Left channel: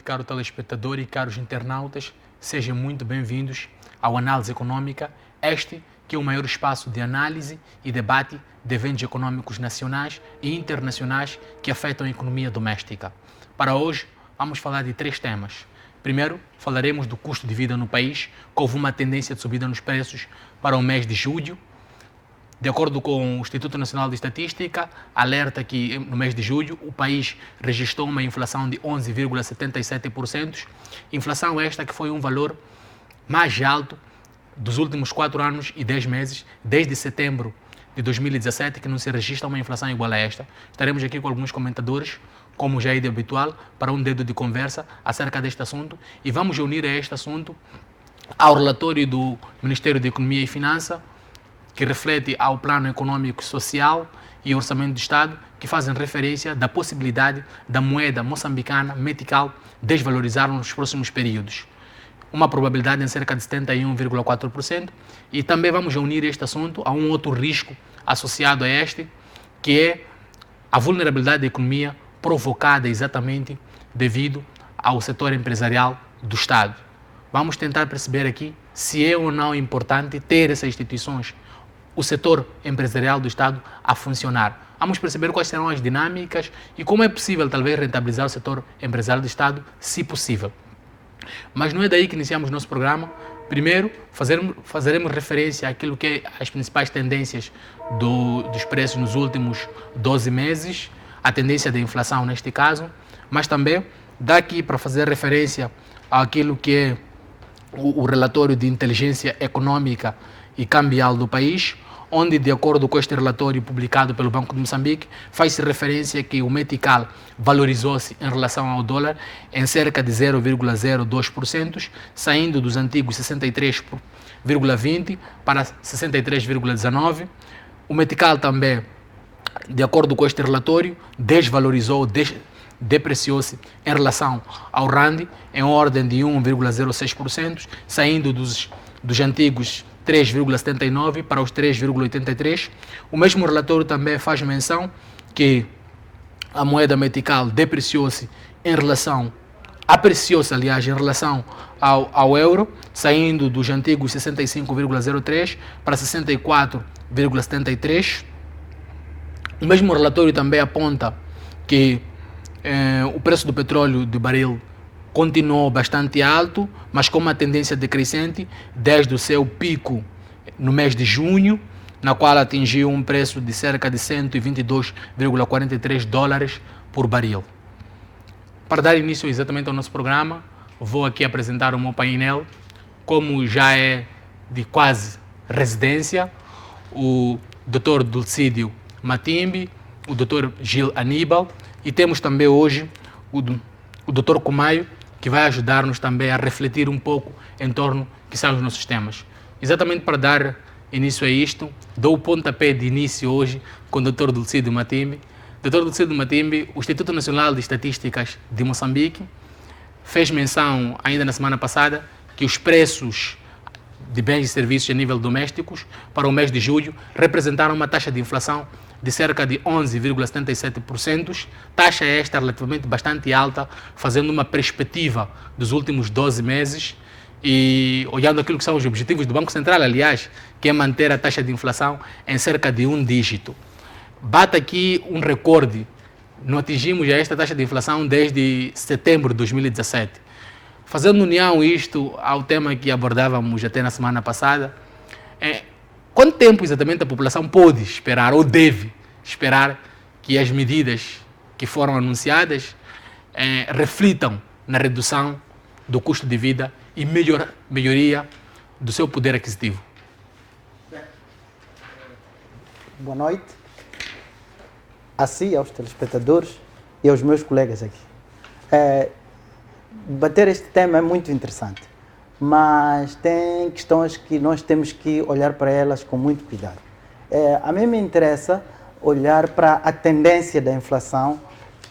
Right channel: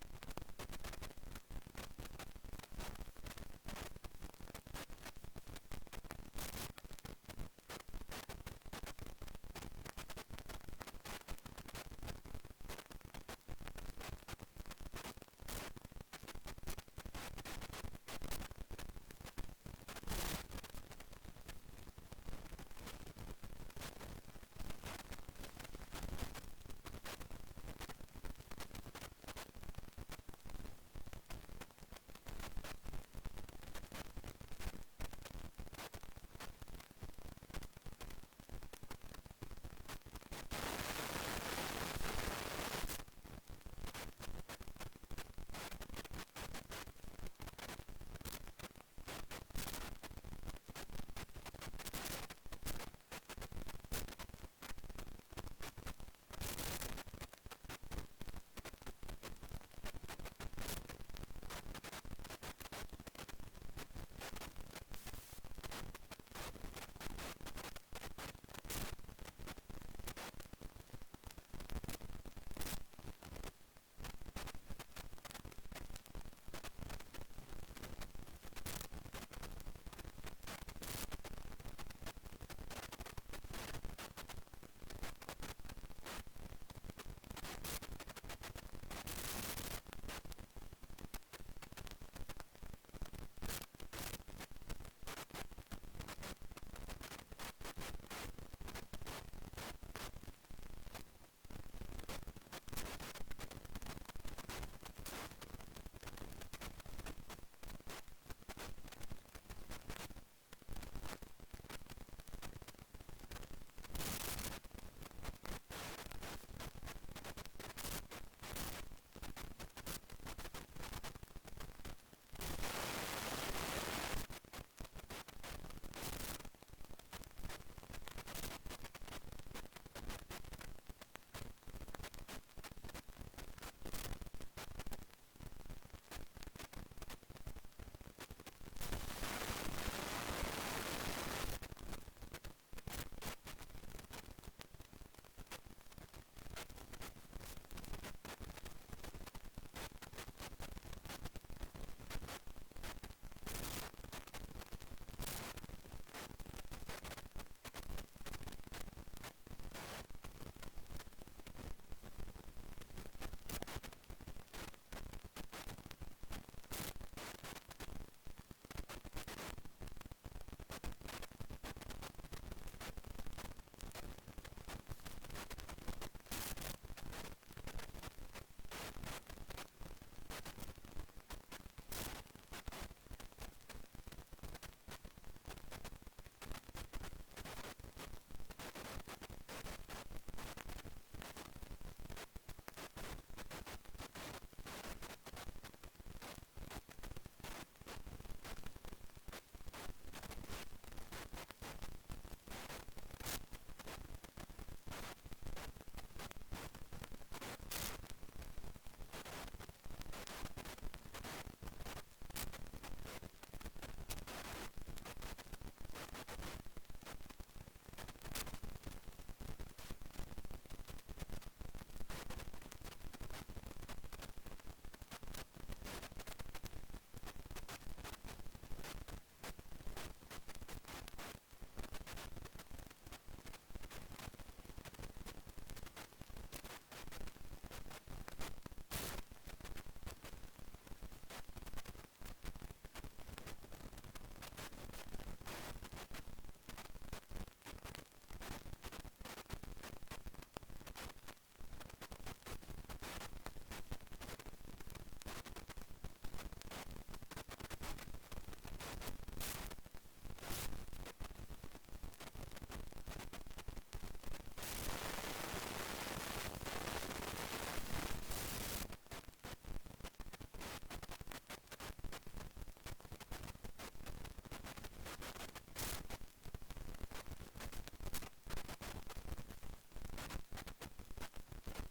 noite, caro telespectador e caros internautas. Sejam muito bem-vindos ao Análise Econômica, este que é o maior espaço de análise e debate de eventos econômicos nacionais e internacionais que afetam a economia doméstica. Para hoje, vamos falar de 3 temas. Primeiro, falaremos do custo de vida no país, que houve uma tendência de subida nos preços para o mês de julho. De acordo com o Instituto Nacional de Estatística, alerta que no mês de julho o país registrou uma inflação de 11,77%. Inflação esta que foi um valor mais alto dos últimos 4 anos e 10 meses, desde setembro de 2017, que não se registra uma inflação igual a esta. Estaremos aqui com alguns comentadores, como já é de habitual, para um dedo de conversa acerca deste assunto, e vamos unir a este assunto ao relatório do Ministério da Economia e Finanças, que reflete ao plano econômico, social e orçamento do Estado, que fazem referência da possibilidade da moeda moçambicana, metical, desvalorizar nos próximos períodos. Uma probabilidade em cerca de 71,4%. E também vamos unir este assunto a um outro risco associado a este, que é a vulnerabilidade da economia provocada exatamente devido ao setor empresarial do Estado. Vamos tentar perceber aqui se é ou não importante ter essas instituições, o setor empresarial do Estado, a funcionar. Vamos perceber quais serão as dinâmicas e como é possível, talvez, rentabilizar o setor empresarial do Estado, se possível. Mas não é daí que iniciamos o nosso programa. Primeiro, fazeremos referência àquilo que é as principais tendências dos preços nos últimos 12 meses, a tendência da inflação neste caso, mas também daqui para fazer referência àquilo que é o relatório de inteligência econômica e cambial do país, onde, de acordo com este relatório publicado pelo Banco de Moçambique, faz-se referência que o metical valorizou-se em relação ao dólar em cerca de 0,02%, saindo dos antigos 63,20 para 63,19. O metical também, de acordo com este relatório, depreciou-se em relação ao rand em ordem de 1,06%, saindo dos antigos 3,79 para os 3,83. O mesmo relatório também faz menção que a moeda metical apreciou-se em relação ao euro, saindo dos antigos 65,03 para 64,73. O mesmo relatório também aponta que o preço do petróleo de barril continuou bastante alto, mas com uma tendência decrescente desde o seu pico no mês de junho, na qual atingiu um preço de cerca de 122,43 dólares por barril. Para dar início exatamente ao nosso programa, vou aqui apresentar o meu painel, como já é de quase residência, o Dr. Dulcídio Matimbe, o Dr. Gil Aníbal, e temos também hoje o Dr. Kumayo, que vai ajudar-nos também a refletir um pouco em torno que são os nossos temas. Exatamente para dar início a isto, dou o pontapé de início hoje com o Dr. Dulcídio Matimbe. Dr. Dulcídio Matimbe, o Instituto Nacional de Estatísticas de Moçambique fez menção ainda na semana passada que os preços de bens e serviços a nível domésticos para o mês de julho representaram uma taxa de inflação de cerca de 11,77%, taxa esta relativamente bastante alta, fazendo uma perspectiva dos últimos 12 meses e olhando aquilo que são os objetivos do Banco Central, aliás, que é manter a taxa de inflação em cerca de 1 dígito. Bate aqui um recorde, não atingimos já esta taxa de inflação desde setembro de 2017. Fazendo união isto ao tema que abordávamos até na semana passada, quanto tempo exatamente a população pode esperar ou deve esperar que as medidas que foram anunciadas reflitam na redução do custo de vida e melhoria do seu poder aquisitivo? Boa noite a si, aos telespectadores e aos meus colegas aqui. Debater este tema é muito interessante, mas tem questões que nós temos que olhar para elas com muito cuidado. A mim me interessa olhar para a tendência da inflação,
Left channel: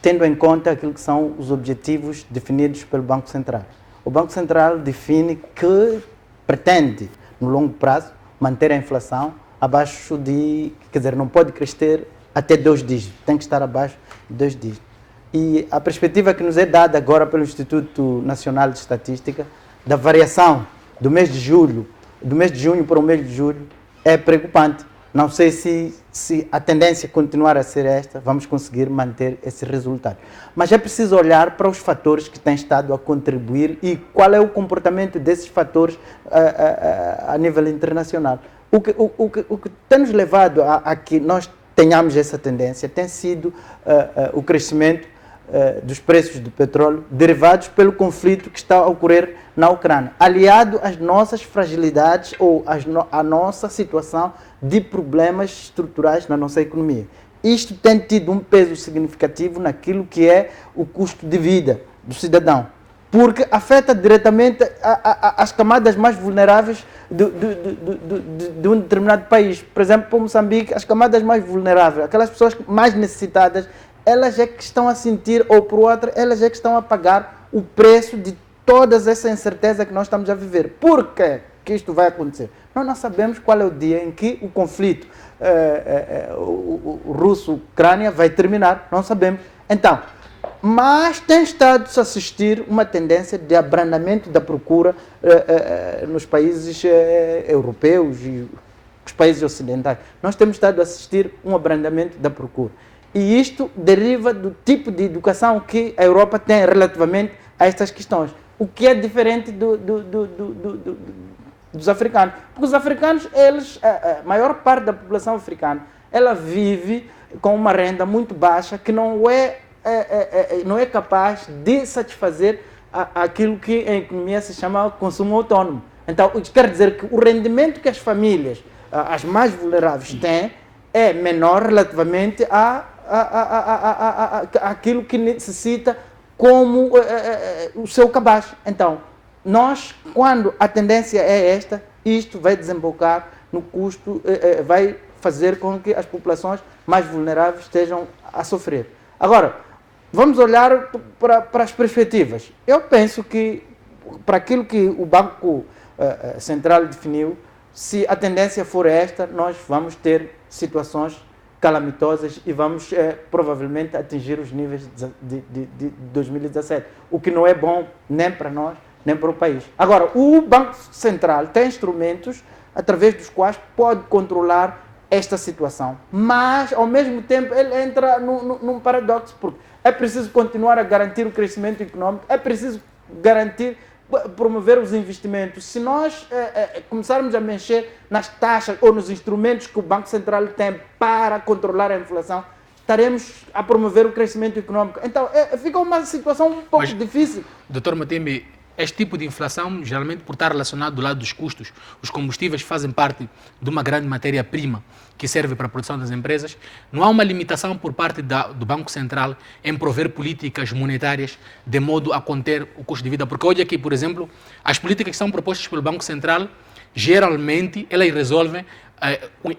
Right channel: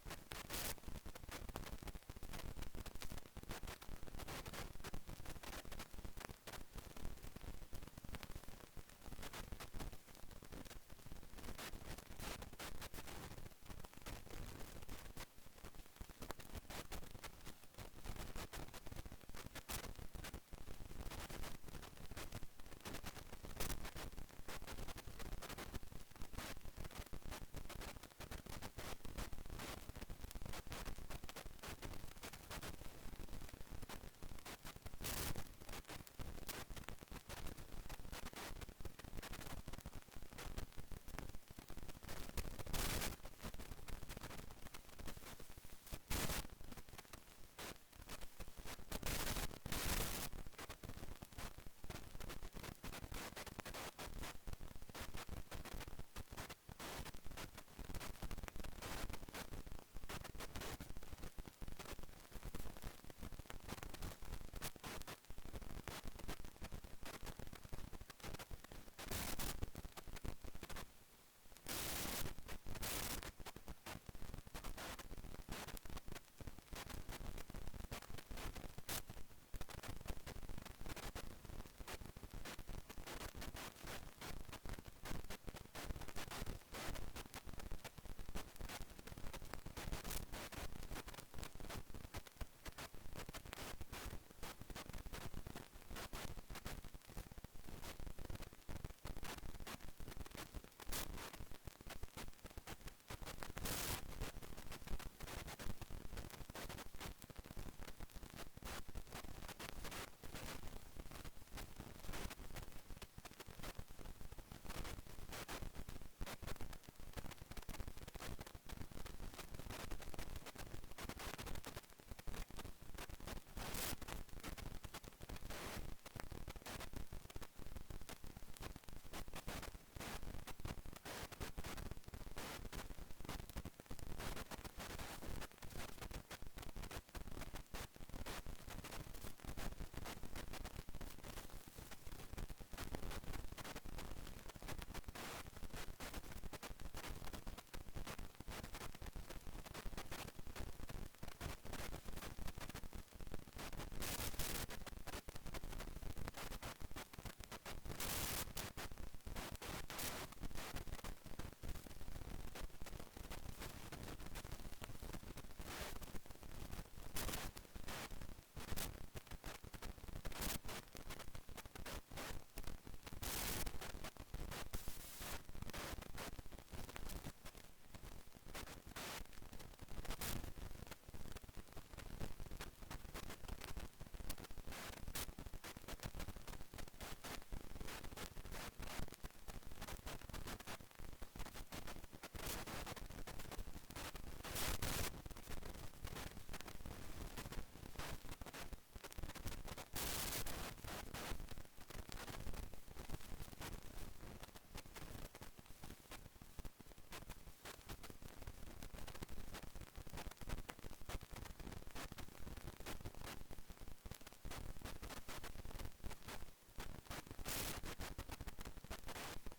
tendo em conta aquilo que são os objetivos definidos pelo Banco Central. O Banco Central define que pretende, no longo prazo, manter a inflação abaixo de, não pode crescer até 2 dígitos, tem que estar abaixo de 2 dígitos. E a perspectiva que nos é dada agora pelo Instituto Nacional de Estatística, da variação do mês de julho, do mês de junho para o mês de julho, é preocupante. Não sei se a tendência continuar a ser esta, vamos conseguir manter esse resultado. Mas é preciso olhar para os fatores que têm estado a contribuir e qual é o comportamento desses fatores a nível internacional. O que tem nos levado a que nós tenhamos essa tendência tem sido o crescimento dos preços do petróleo derivados pelo conflito que está a ocorrer na Ucrânia, aliado às nossas fragilidades ou à nossa situação de problemas estruturais na nossa economia. Isto tem tido um peso significativo naquilo que é o custo de vida do cidadão, porque afeta diretamente as camadas mais vulneráveis de um determinado país. Por exemplo, para Moçambique, as camadas mais vulneráveis, aquelas pessoas mais necessitadas, elas é que estão a sentir, ou por outra, elas é que estão a pagar o preço de toda essa incerteza que nós estamos a viver. Por que isto vai acontecer? Nós não sabemos qual é o dia em que o conflito o russo-ucrânia vai terminar, não sabemos. Então, mas tem estado a assistir uma tendência de abrandamento da procura nos países europeus e os países ocidentais. Nós temos estado a assistir um abrandamento da procura. E isto deriva do tipo de educação que a Europa tem relativamente a estas questões. O que é diferente dos africanos. Porque os africanos, a maior parte da população africana, ela vive com uma renda muito baixa que não é capaz de satisfazer aquilo que em economia se chama consumo autônomo. Então, isso quer dizer que o rendimento que as famílias, as mais vulneráveis, têm é menor relativamente àquilo que necessita como o seu cabaz. Então, nós, quando a tendência é esta, isto vai desembocar no custo, vai fazer com que as populações mais vulneráveis estejam a sofrer. Agora, vamos olhar para as perspectivas. Eu penso que, para aquilo que o Banco Central definiu, se a tendência for esta, nós vamos ter situações calamitosas e vamos provavelmente atingir os níveis de 2017, o que não é bom nem para nós, nem para o país. Agora, o Banco Central tem instrumentos através dos quais pode controlar esta situação, mas ao mesmo tempo ele entra num paradoxo, porque é preciso continuar a garantir o crescimento econômico, é preciso garantir, promover os investimentos. Se nós começarmos a mexer nas taxas ou nos instrumentos que o Banco Central tem para controlar a inflação, estaremos a promover o crescimento econômico. Então, fica uma situação um pouco difícil. Dr. Matembe, este tipo de inflação, geralmente por estar relacionado do lado dos custos, os combustíveis fazem parte de uma grande matéria-prima que serve para a produção das empresas. Não há uma limitação por parte do Banco Central em prover políticas monetárias de modo a conter o custo de vida? Porque hoje aqui, por exemplo, as políticas que são propostas pelo Banco Central, geralmente, elas resolvem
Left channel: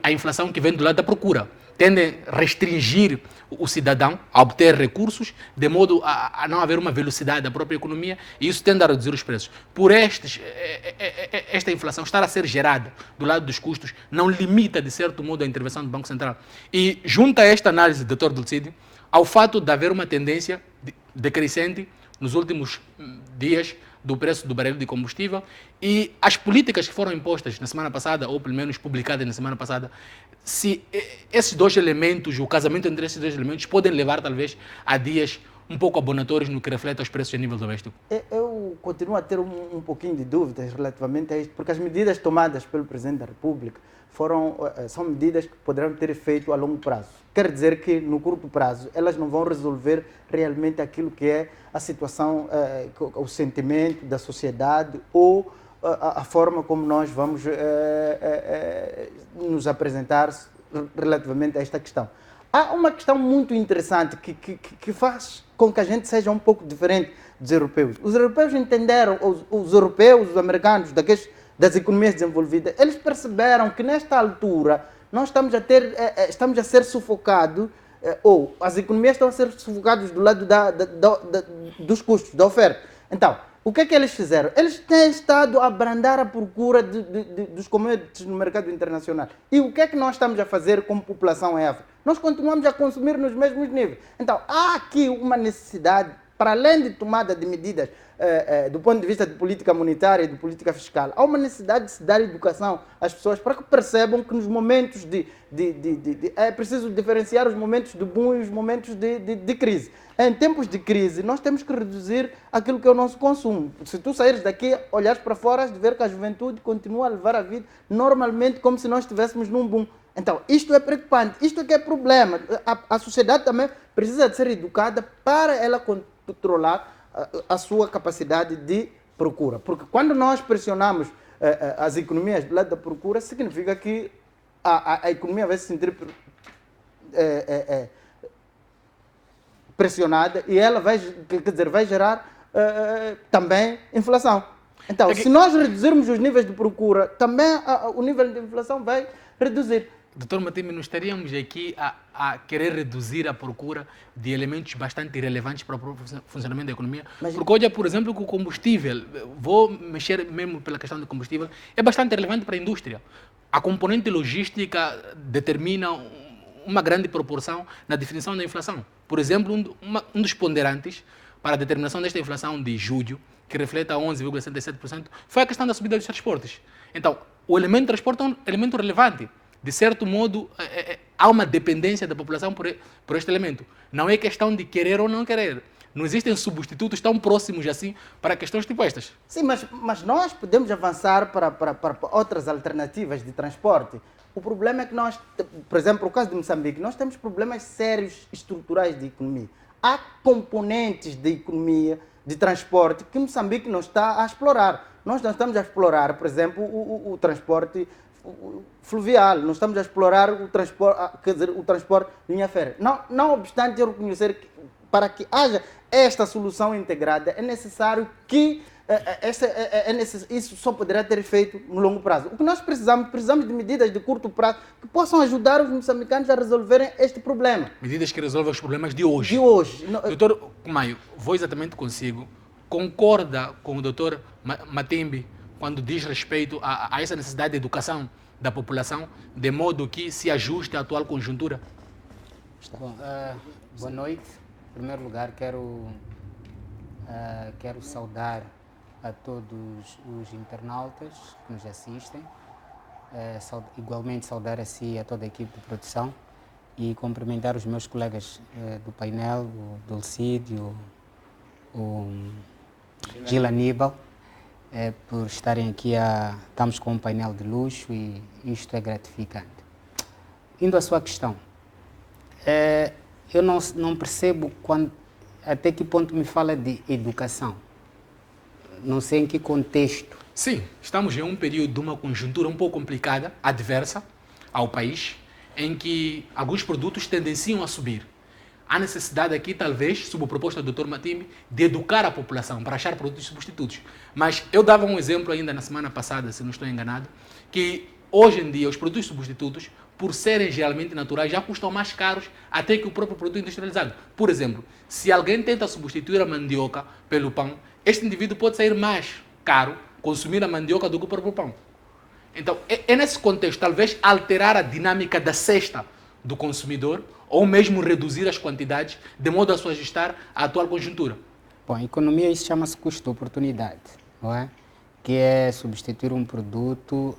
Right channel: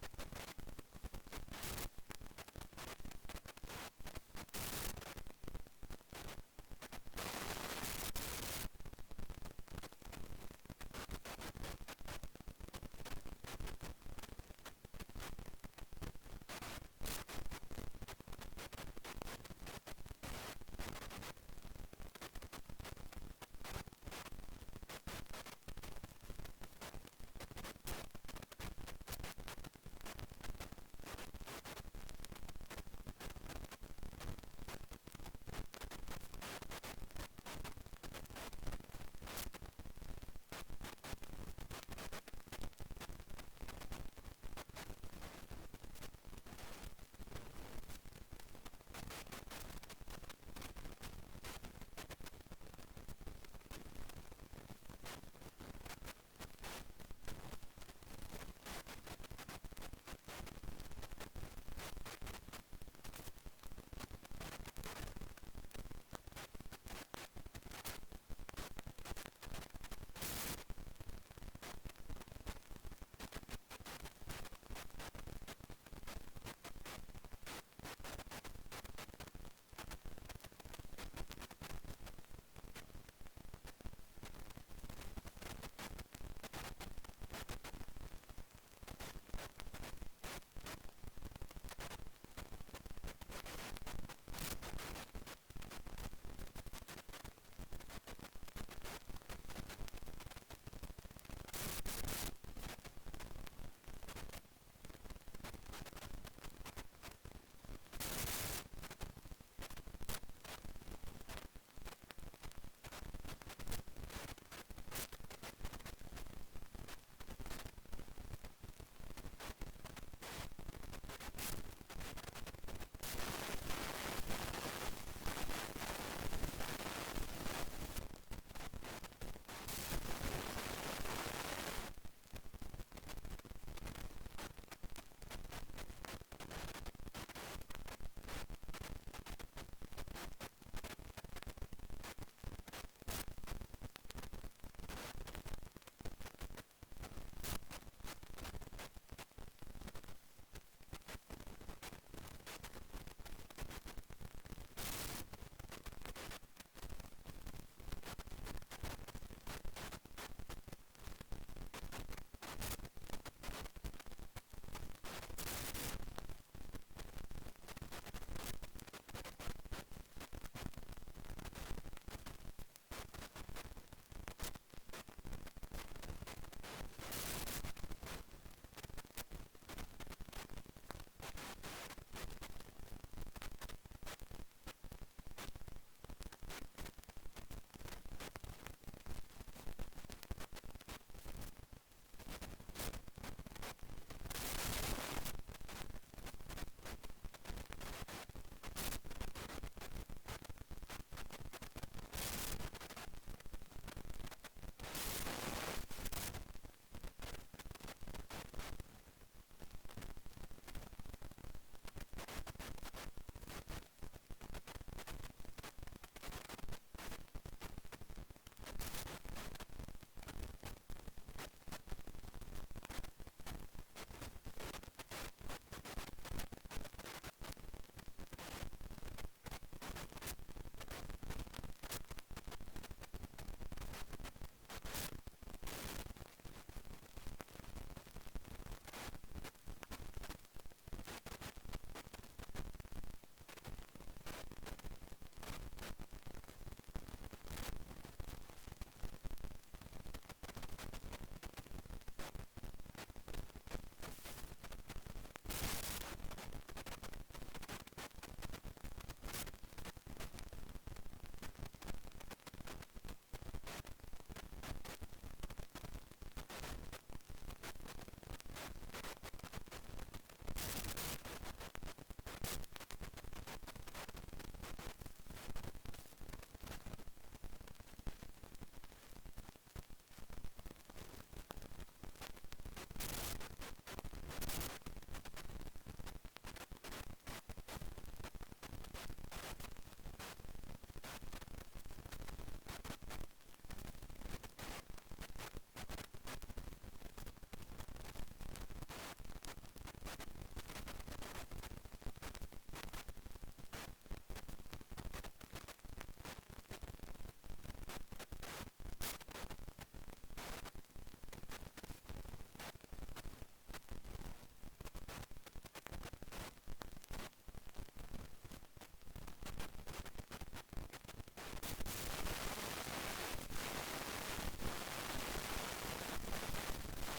a inflação que vem do lado da procura. Tendem a restringir o cidadão a obter recursos de modo a não haver uma velocidade da própria economia, e isso tende a reduzir os preços. Por esta inflação estar a ser gerada do lado dos custos não limita, de certo modo, a intervenção do Banco Central. E junta a esta análise, Dr. Dulcídio, ao fato de haver uma tendência decrescente nos últimos dias do preço do barril de combustível e as políticas que foram impostas na semana passada, ou pelo menos publicadas na semana passada, se esses dois elementos, o casamento entre esses dois elementos, podem levar talvez a dias um pouco abonatórios no que reflete aos preços a nível doméstico? Eu continuo a ter um pouquinho de dúvidas relativamente a isto, porque as medidas tomadas pelo Presidente da República são medidas que poderão ter efeito a longo prazo. Quer dizer que, no curto prazo, elas não vão resolver realmente aquilo que é a situação, o sentimento da sociedade ou a forma como nós vamos nos apresentar relativamente a esta questão. Há uma questão muito interessante que faz com que a gente seja um pouco diferente dos europeus. Os europeus entenderam, os europeus, os americanos, das economias desenvolvidas, eles perceberam que nesta altura nós estamos a ser sufocados, ou as economias estão a ser sufocadas do lado dos custos, da oferta. Então, O que é que eles fizeram? Eles têm estado a abrandar a procura dos commodities no mercado internacional. E o que é que nós estamos a fazer como população em África? Nós continuamos a consumir nos mesmos níveis. Então, há aqui uma necessidade, para além de tomada de medidas do ponto de vista de política monetária e de política fiscal, há uma necessidade de se dar educação às pessoas para que percebam que nos momentos é preciso diferenciar os momentos de boom e os momentos de crise. Em tempos de crise, nós temos que reduzir aquilo que é o nosso consumo. Se tu saíres daqui, olhares para fora, has de ver que a juventude continua a levar a vida normalmente como se nós estivéssemos num boom. Então, isto é preocupante, isto é que é problema. A sociedade também precisa de ser educada para ela controlar a sua capacidade de procura. Porque quando nós pressionamos as economias do lado da procura, significa que a economia vai se sentir pressionada e ela vai gerar também inflação. Então, se nós reduzirmos os níveis de procura, também o nível de inflação vai reduzir. Doutor Matimbe, nós estaríamos aqui a querer reduzir a procura de elementos bastante relevantes para o funcionamento da economia. Porque hoje, por exemplo, que o combustível, vou mexer mesmo pela questão do combustível, é bastante relevante para a indústria. A componente logística determina uma grande proporção na definição da inflação. Por exemplo, um dos ponderantes para a determinação desta inflação de julho, que reflete a 11,67%, foi a questão da subida dos transportes. Então, o elemento de transporte é um elemento relevante. De certo modo, há uma dependência da população por este elemento. Não é questão de querer ou não querer. Não existem substitutos tão próximos assim para questões tipo estas. Sim, mas nós podemos avançar para outras alternativas de transporte. O problema é que nós, por exemplo, no caso de Moçambique, nós temos problemas sérios estruturais de economia. Há componentes de economia, de transporte, que Moçambique não está a explorar. Nós não estamos a explorar, por exemplo, o transporte fluvial, nós estamos a explorar o transporte de linha férrea. Não obstante eu reconhecer que para que haja esta solução integrada é necessário que isso só poderá ter efeito no longo prazo. O que nós precisamos de medidas de curto prazo que possam ajudar os moçambicanos a resolverem este problema. Medidas que resolvam os problemas de hoje. De hoje. Doutor Maio, vou exatamente consigo. Concorda com o doutor Matimbe quando diz respeito a essa necessidade de educação da população, de modo que se ajuste à atual conjuntura? Bom, boa noite. Em primeiro lugar, quero saudar a todos os internautas que nos assistem, igualmente saudar a si e a toda a equipe de produção e cumprimentar os meus colegas do painel, o Dulcídio, o Gil Aníbal, por estarem aqui. Estamos com um painel de luxo e isto é gratificante. Indo à sua questão, eu não percebo até que ponto me fala de educação. Não sei em que contexto. Sim, estamos em um período de uma conjuntura um pouco complicada, adversa ao país, em que alguns produtos tendenciam a subir. Há necessidade aqui, talvez, sob a proposta do Dr. Matimbe, de educar a população para achar produtos substitutos. Mas eu dava um exemplo ainda na semana passada, se não estou enganado, que hoje em dia os produtos substitutos, por serem geralmente naturais, já custam mais caros até que o próprio produto industrializado. Por exemplo, se alguém tenta substituir a mandioca pelo pão, este indivíduo pode sair mais caro consumir a mandioca do que o próprio pão. Então, é nesse contexto, talvez alterar a dinâmica da cesta do consumidor ou mesmo reduzir as quantidades de modo a se ajustar à atual conjuntura. Bom, em economia isso chama-se custo-oportunidade, não é? Que é substituir um produto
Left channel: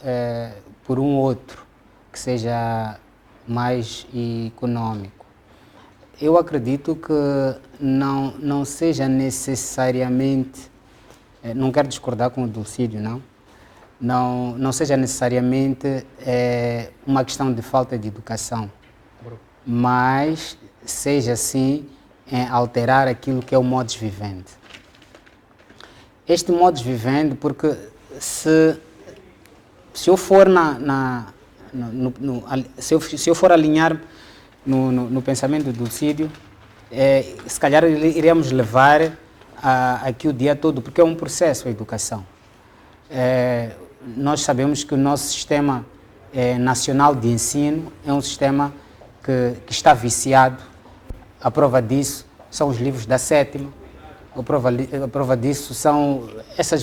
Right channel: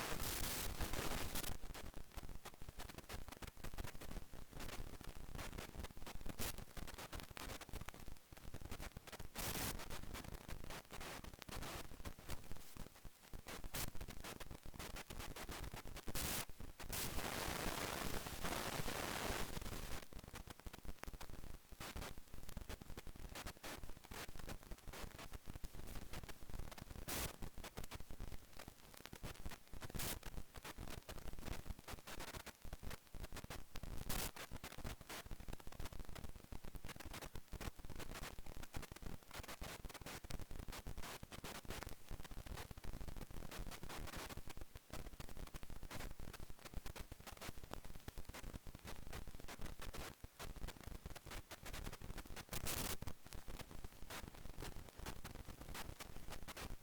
por um outro que seja mais econômico. Eu acredito que não seja necessariamente, não quero discordar com o Dulcídio, não seja necessariamente uma questão de falta de educação, mas seja sim alterar aquilo que é o modus vivendi. Este modus vivendi, porque se eu for se eu for alinhar no pensamento do Dulcídio, se calhar iremos levar aqui o dia todo, porque é um processo a educação. Nós sabemos que o nosso sistema nacional de ensino é um sistema que está viciado. A prova disso são os livros da sétima, A prova disso são esses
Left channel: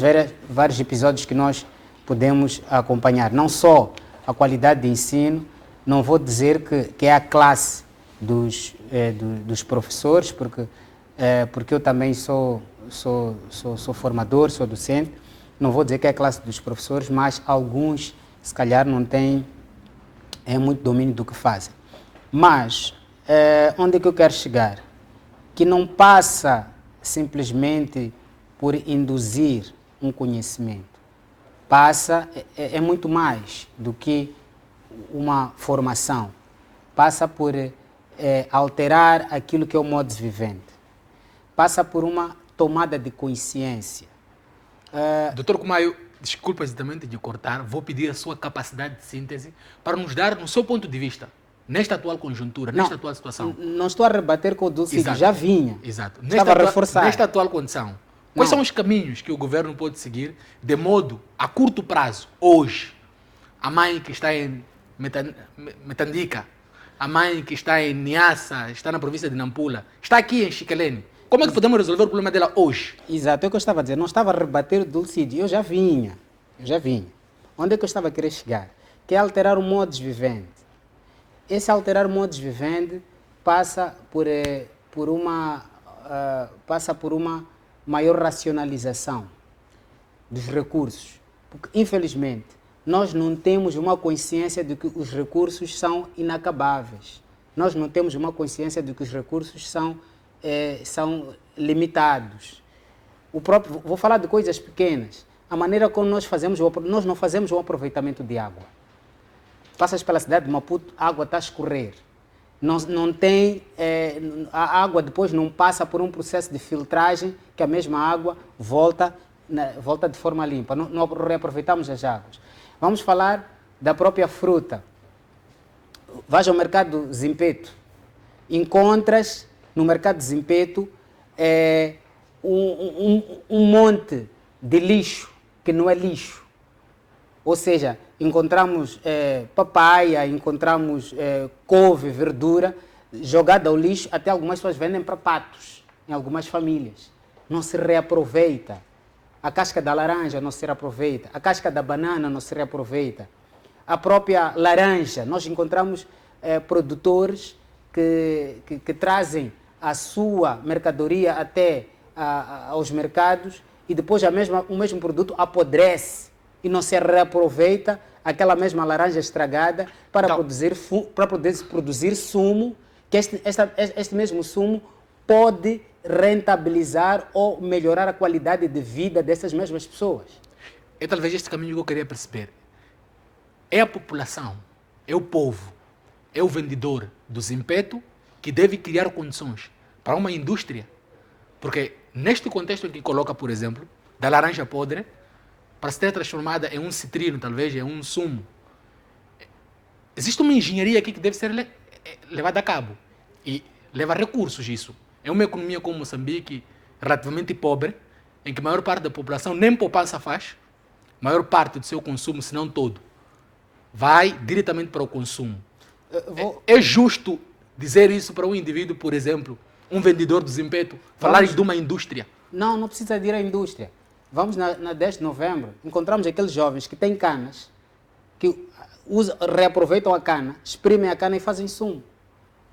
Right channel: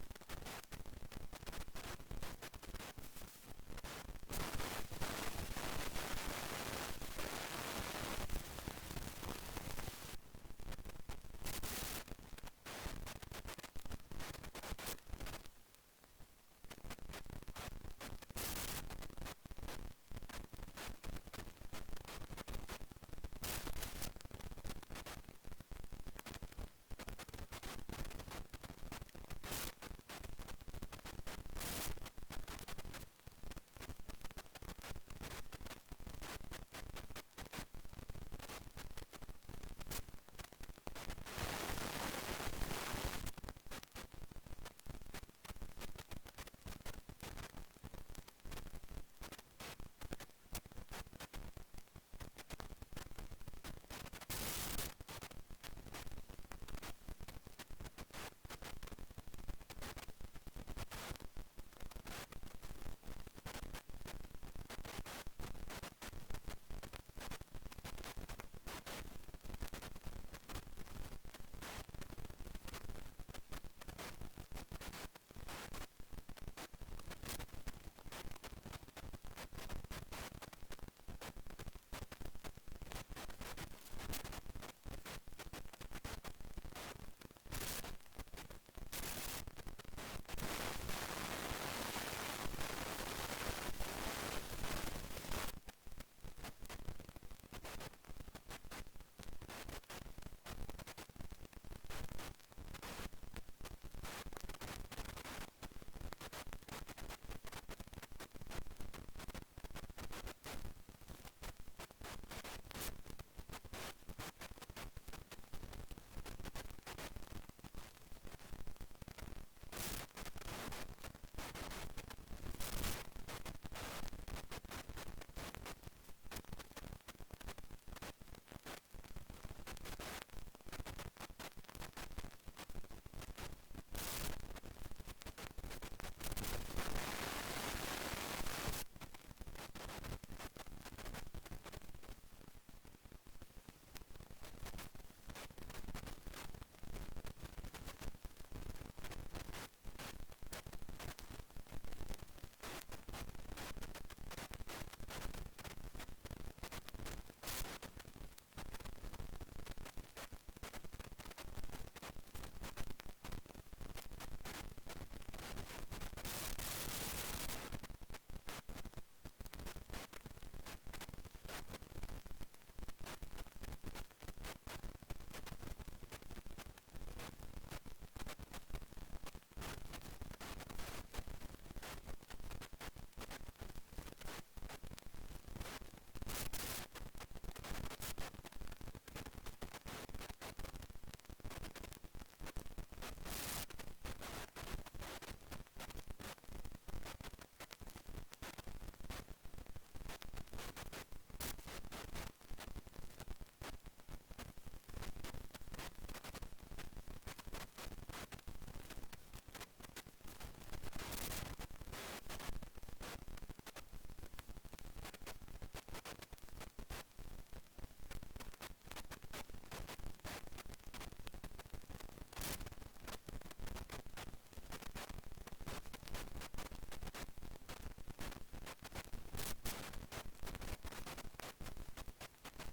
vários episódios que nós podemos acompanhar. Não só a qualidade de ensino, não vou dizer que é a classe dos professores, porque eu também sou formador, sou docente. Não vou dizer que é a classe dos professores, mas alguns, se calhar, não têm muito domínio do que fazem. Mas, onde é que eu quero chegar? Que não passa simplesmente por induzir um conhecimento. Passa, é muito mais do que uma formação. Passa por alterar aquilo que é o modus vivendi. Passa por uma tomada de consciência. Doutor Kumayo, desculpa exatamente de cortar, vou pedir a sua capacidade de síntese para nos dar, no seu ponto de vista, nesta atual conjuntura, nesta atual situação. Não estou a rebater com o Dulcídio, já vinha. Exato. Estava a reforçar. Nesta atual condição, quais são os caminhos que o governo pode seguir de modo, a curto prazo, hoje, a mãe que está em Metandica, a mãe que está em Niassa, está na província de Nampula, está aqui em Chiquelene, como é que podemos resolver o problema dela hoje? Exato, é o que eu estava a dizer. Não estava a rebater o Dulcídio, eu já vinha. Onde é que eu estava a querer chegar? Que é alterar o modus vivendi. Esse alterar o modus vivendi passa por uma maior racionalização dos recursos. Porque, infelizmente, nós não temos uma consciência de que os recursos são inacabáveis. Nós não temos uma consciência de que os recursos são limitados. Vou falar de coisas pequenas. A maneira como nós não fazemos o aproveitamento de água. Passas pela cidade de Maputo, a água está a escorrer. Não tem, a água depois não passa por um processo de filtragem que a mesma água volta de forma limpa. Não reaproveitamos as águas. Vamos falar da própria fruta. Vais ao mercado do Zimpeto, encontras no mercado de Zimpeto um monte de lixo que não é lixo. Ou seja, encontramos papaya, encontramos couve, verdura, jogada ao lixo, até algumas pessoas vendem para patos, em algumas famílias. Não se reaproveita. A casca da laranja não se reaproveita, a casca da banana não se reaproveita. A própria laranja, nós encontramos produtores que trazem a sua mercadoria até aos mercados e depois o mesmo produto apodrece e não se reaproveita aquela mesma laranja estragada para produzir sumo, que este mesmo sumo pode rentabilizar ou melhorar a qualidade de vida dessas mesmas pessoas. É talvez este caminho que eu queria perceber. É a população, é o povo, é o vendedor do Zimpeto que deve criar condições para uma indústria. Porque neste contexto em que coloca, por exemplo, da laranja podre, para ser transformada em um citrino, talvez, em um sumo, existe uma engenharia aqui que deve ser levada a cabo. E leva recursos isso. É uma economia como Moçambique, relativamente pobre, em que a maior parte da população nem poupança faz, a maior parte do seu consumo, se não todo, vai diretamente para o consumo. É justo dizer isso para um indivíduo, por exemplo, um vendedor do Zimpeto, falar de uma indústria? Não precisa ir à indústria. Vamos na 10 de novembro, encontramos aqueles jovens que têm canas, que reaproveitam a cana, exprimem a cana e fazem sumo.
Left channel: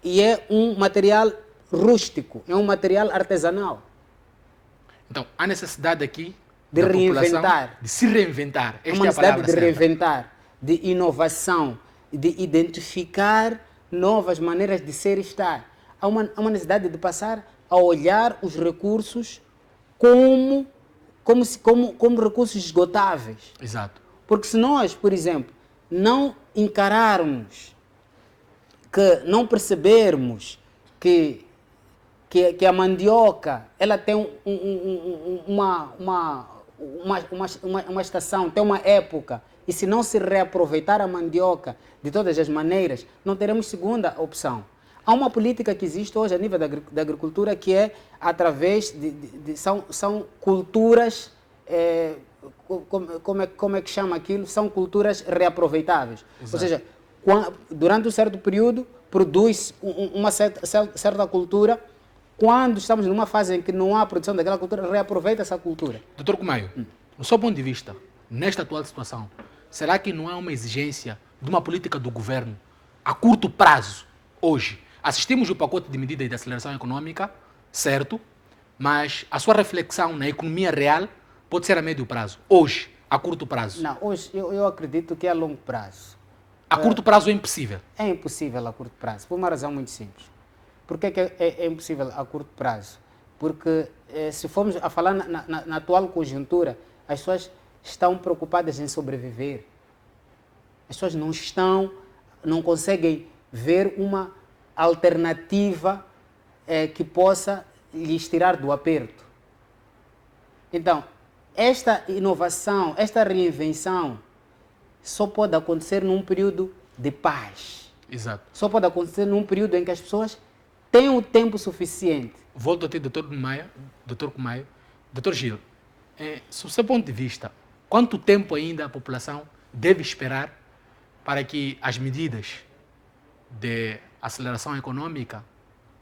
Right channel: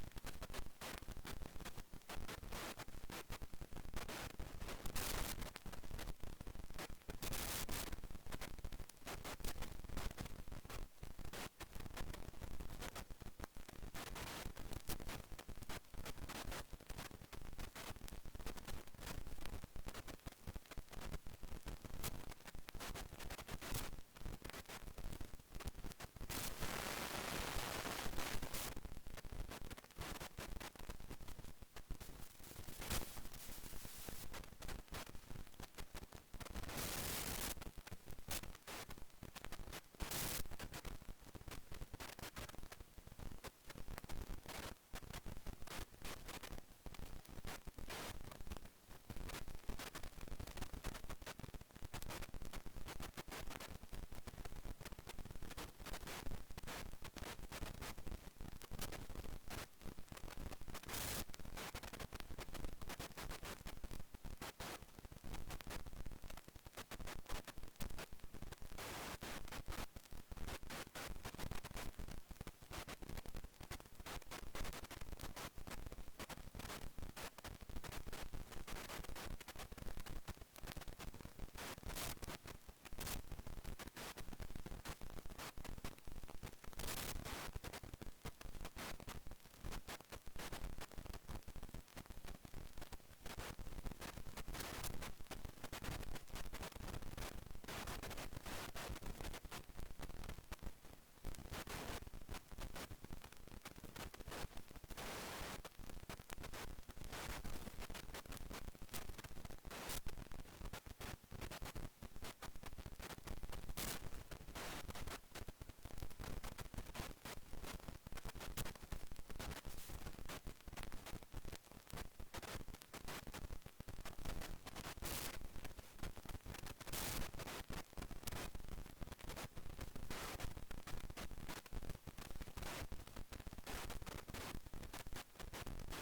E é um material rústico, é um material artesanal. Então, há necessidade aqui de reinventar. De se reinventar. Há uma necessidade de reinventar, de inovação, de identificar novas maneiras de ser e estar. Há uma necessidade de passar a olhar os recursos como recursos esgotáveis. Exato. Porque se nós, por exemplo, não encararmos, que não percebermos que a mandioca ela tem uma estação, tem uma época, e se não se reaproveitar a mandioca de todas as maneiras, não teremos segunda opção. Há uma política que existe hoje a nível da agricultura que é através são culturas, como é que chama aquilo? São culturas reaproveitáveis. Exato. Ou seja, durante um certo período produz uma certa cultura quando estamos numa fase em que não há produção daquela cultura, reaproveita essa cultura. Doutor Kumaio, no seu ponto de vista, nesta atual situação, será que não há uma exigência de uma política do governo a curto prazo, hoje? Assistimos o pacote de medidas de aceleração econômica, certo, mas a sua reflexão na economia real pode ser a médio prazo, hoje, a curto prazo. Não, hoje eu acredito que é a longo prazo. A curto prazo é impossível. É impossível a curto prazo, por uma razão muito simples. Por que é impossível a curto prazo? Porque se formos a falar na atual conjuntura, as pessoas estão preocupadas em sobreviver. As pessoas não conseguem ver uma alternativa que possa lhes tirar do aperto. Então, esta inovação, esta reinvenção, só pode acontecer num período de paz. Exato. Só pode acontecer num período em que as pessoas têm o tempo suficiente. Volto a ti, doutor Kumaio. Doutor Gil, sob o seu ponto de vista, quanto tempo ainda a população deve esperar para que as medidas de aceleração econômica,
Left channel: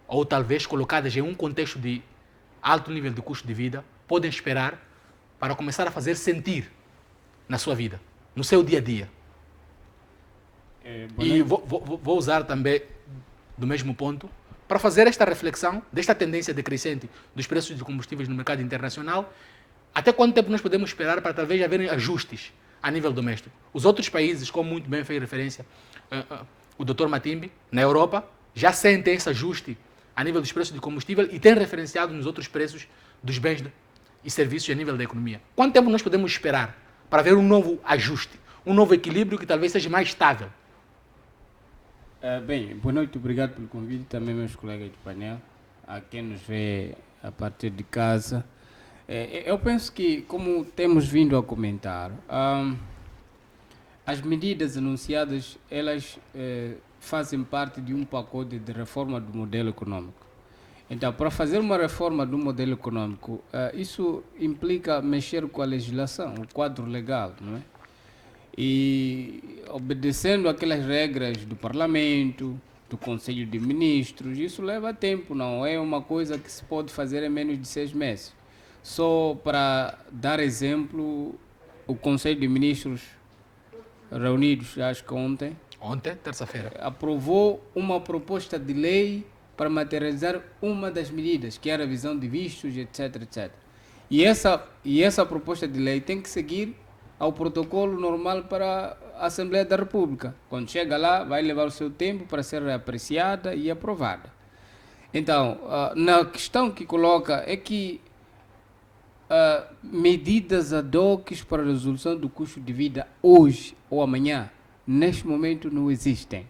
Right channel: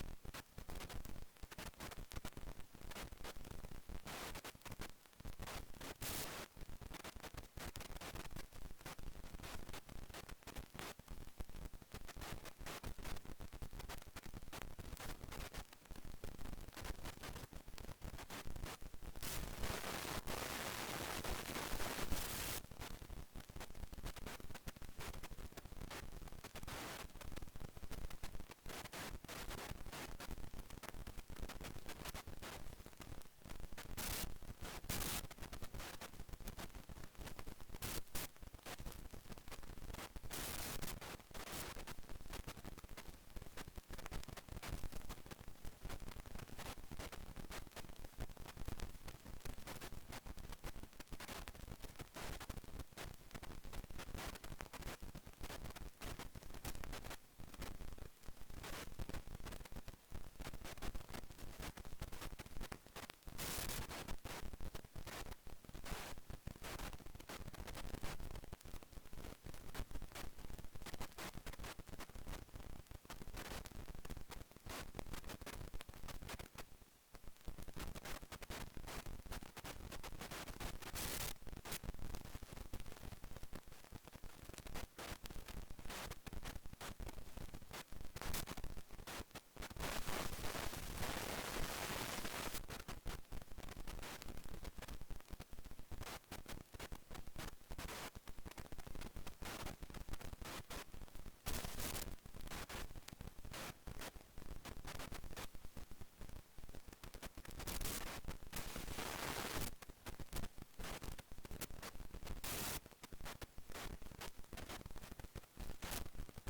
ou talvez colocadas em um contexto de alto nível de custo de vida, podem esperar para começar a fazer sentir na sua vida, no seu dia a dia? E vou usar também do mesmo ponto para fazer esta reflexão desta tendência decrescente dos preços de combustíveis no mercado internacional. Até quanto tempo nós podemos esperar para talvez haverem ajustes a nível doméstico? Os outros países, como muito bem fez referência o Dr. Matimbe, na Europa, já sentem esse ajuste a nível dos preços de combustível e têm referenciado nos outros preços dos bens e serviços a nível da economia. Quanto tempo nós podemos esperar para ver um novo ajuste, um novo equilíbrio que talvez seja mais estável? Bem, boa noite, obrigado pelo convite, também meus colegas de painel, a quem nos vê a partir de casa. Eu penso que, como temos vindo a comentar, as medidas anunciadas, elas fazem parte de um pacote de reforma do modelo econômico. Então, para fazer uma reforma do modelo econômico, isso implica mexer com a legislação, o quadro legal, não é? E obedecendo aquelas regras do Parlamento, do Conselho de Ministros, isso leva tempo, não é uma coisa que se pode fazer em menos de 6 meses. Só para dar exemplo, o Conselho de Ministros reunidos, acho que ontem, terça-feira, aprovou uma proposta de lei para materializar uma das medidas, que é a revisão de vistos, etc, etc. E essa proposta de lei tem que seguir ao protocolo normal para a Assembleia da República. Quando chega lá, vai levar o seu tempo para ser apreciada e aprovada. Então, na questão que coloca é que medidas ad hoc para a resolução do custo de vida hoje ou amanhã, neste momento, não existem.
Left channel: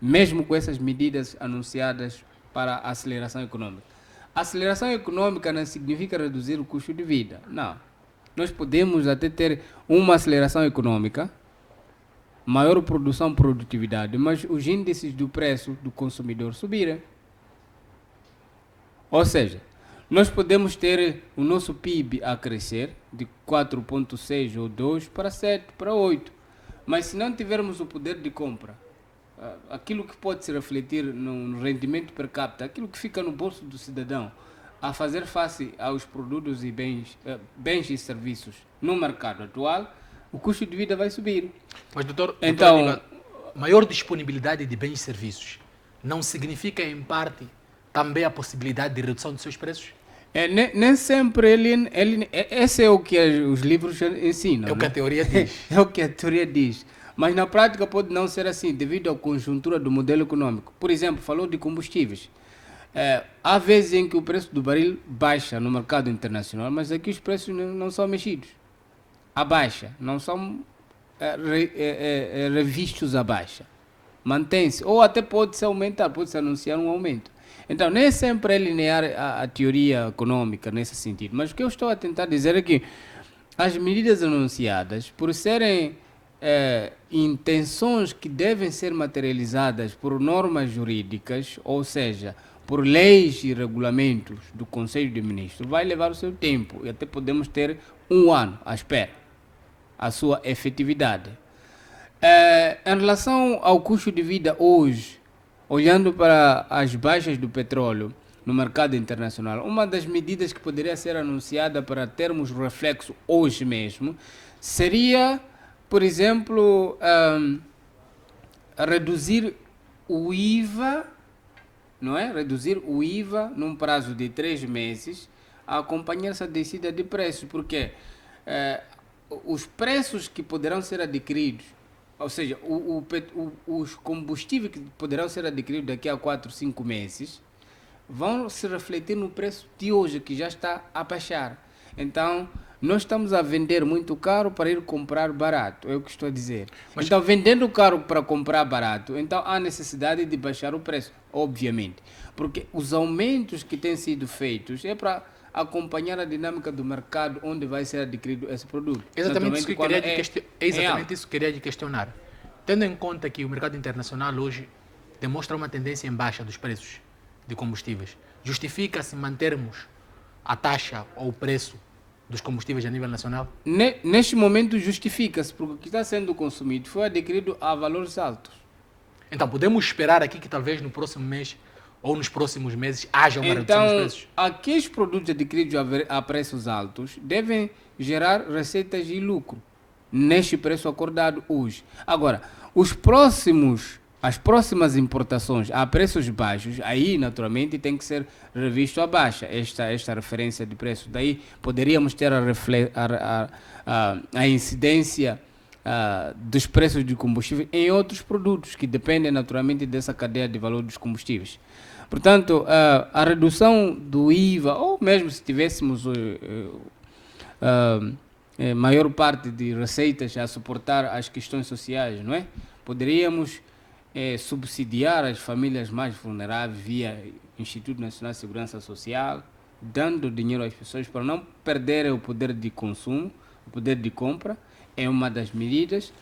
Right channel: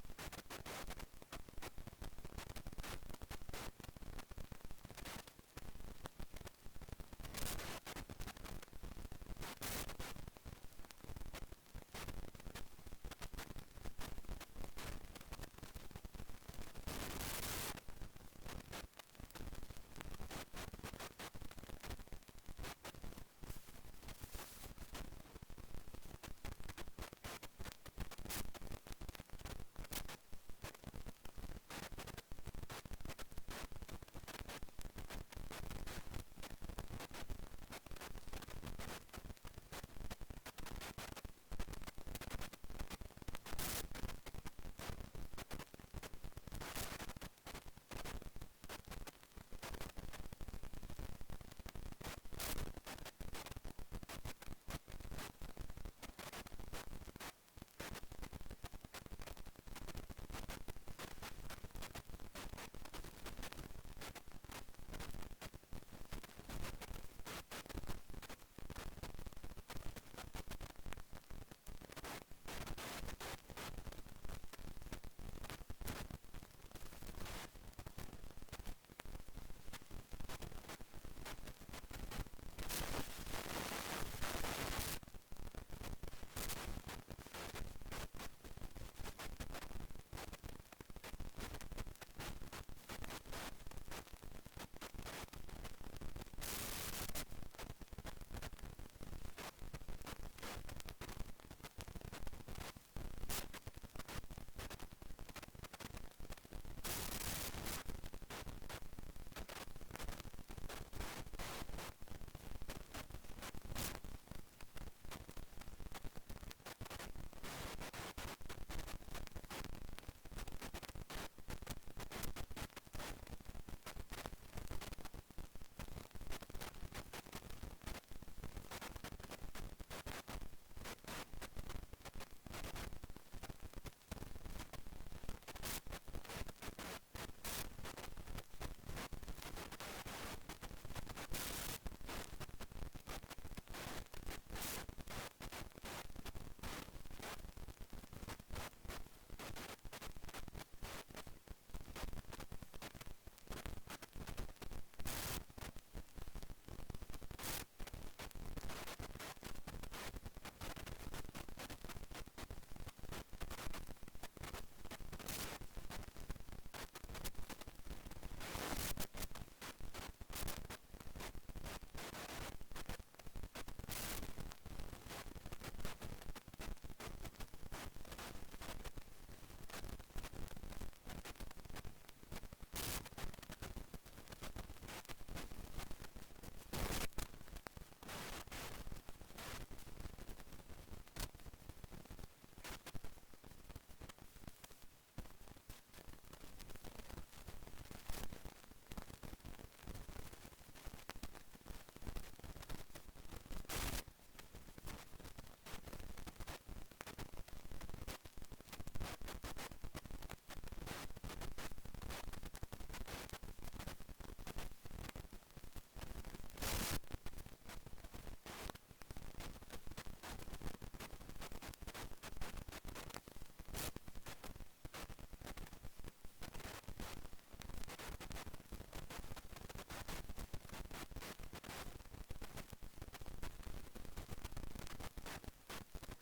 Mesmo com essas medidas anunciadas para a aceleração econômica. A aceleração econômica não significa reduzir o custo de vida, não. Nós podemos até ter uma aceleração econômica, maior produção, produtividade, mas os índices do preço do consumidor subirem. Ou seja, nós podemos ter o nosso PIB a crescer de 4,6 ou 2 para 7, para 8. Mas se não tivermos o poder de compra, aquilo que pode se refletir no rendimento per capita, aquilo que fica no bolso do cidadão, a fazer face aos produtos e bens e serviços no mercado atual, o custo de vida vai subir. Mas, doutor, então, maior disponibilidade de bens e serviços não significa, em parte, também a possibilidade de redução dos seus preços? Nem sempre esse é o que os livros ensinam. É o que a teoria diz. É o que a teoria diz. Mas na prática pode não ser assim, devido à conjuntura do modelo econômico. Por exemplo, falou de combustíveis. Há vezes em que o preço do barril baixa no mercado internacional, mas aqui os preços não são mexidos. A baixa, não são revistos a baixa. Mantém-se, ou até pode-se aumentar, pode-se anunciar um aumento. Então, nem sempre é linear a teoria econômica nesse sentido. Mas o que eu estou a tentar dizer é que as medidas anunciadas, por serem intenções que devem ser materializadas por normas jurídicas, ou seja, por leis e regulamentos do Conselho de Ministros, vai levar o seu tempo e até podemos ter um ano à espera a sua efetividade. Em relação ao custo de vida hoje, olhando para as baixas do petróleo, no mercado internacional. Uma das medidas que poderia ser anunciada para termos reflexo hoje mesmo seria, por exemplo, reduzir o IVA, não é? Reduzir o IVA num prazo de 3 meses a acompanhar essa descida de preços, porque os preços que poderão ser adquiridos, ou seja, os combustíveis que poderão ser adquiridos daqui a 4, 5 meses, vão se refletir no preço de hoje, que já está a baixar. Então, nós estamos a vender muito caro para ir comprar barato, é o que estou a dizer. Mas, então, vendendo caro para comprar barato, então há necessidade de baixar o preço, obviamente. Porque os aumentos que têm sido feitos é para acompanhar a dinâmica do mercado onde vai ser adquirido esse produto. exatamente isso que eu Quando queria real. isso que eu queria lhe questionar. Tendo em conta que o mercado internacional hoje demonstra uma tendência em baixa dos preços de combustíveis, justifica-se mantermos a taxa ou o preço dos combustíveis a nível nacional? Neste momento justifica-se, porque o que está sendo consumido foi adquirido a valores altos. Então, podemos esperar aqui que talvez no próximo mês ou nos próximos meses haja uma redução dos Então, preços? aqueles produtos adquiridos a preços altos devem gerar receitas e lucro neste preço acordado hoje. Agora, as próximas importações a preços baixos, aí naturalmente tem que ser revisto a baixa esta referência de preço. Daí poderíamos ter a incidência dos preços de combustível em outros produtos que dependem naturalmente dessa cadeia de valor dos combustíveis. Portanto, a redução do IVA, ou mesmo se tivéssemos maior parte de receitas a suportar as questões sociais, não é? Poderíamos subsidiar as famílias mais vulneráveis via Instituto Nacional de Segurança Social, dando dinheiro às pessoas para não perderem o poder de consumo, o poder de compra, é uma das medidas.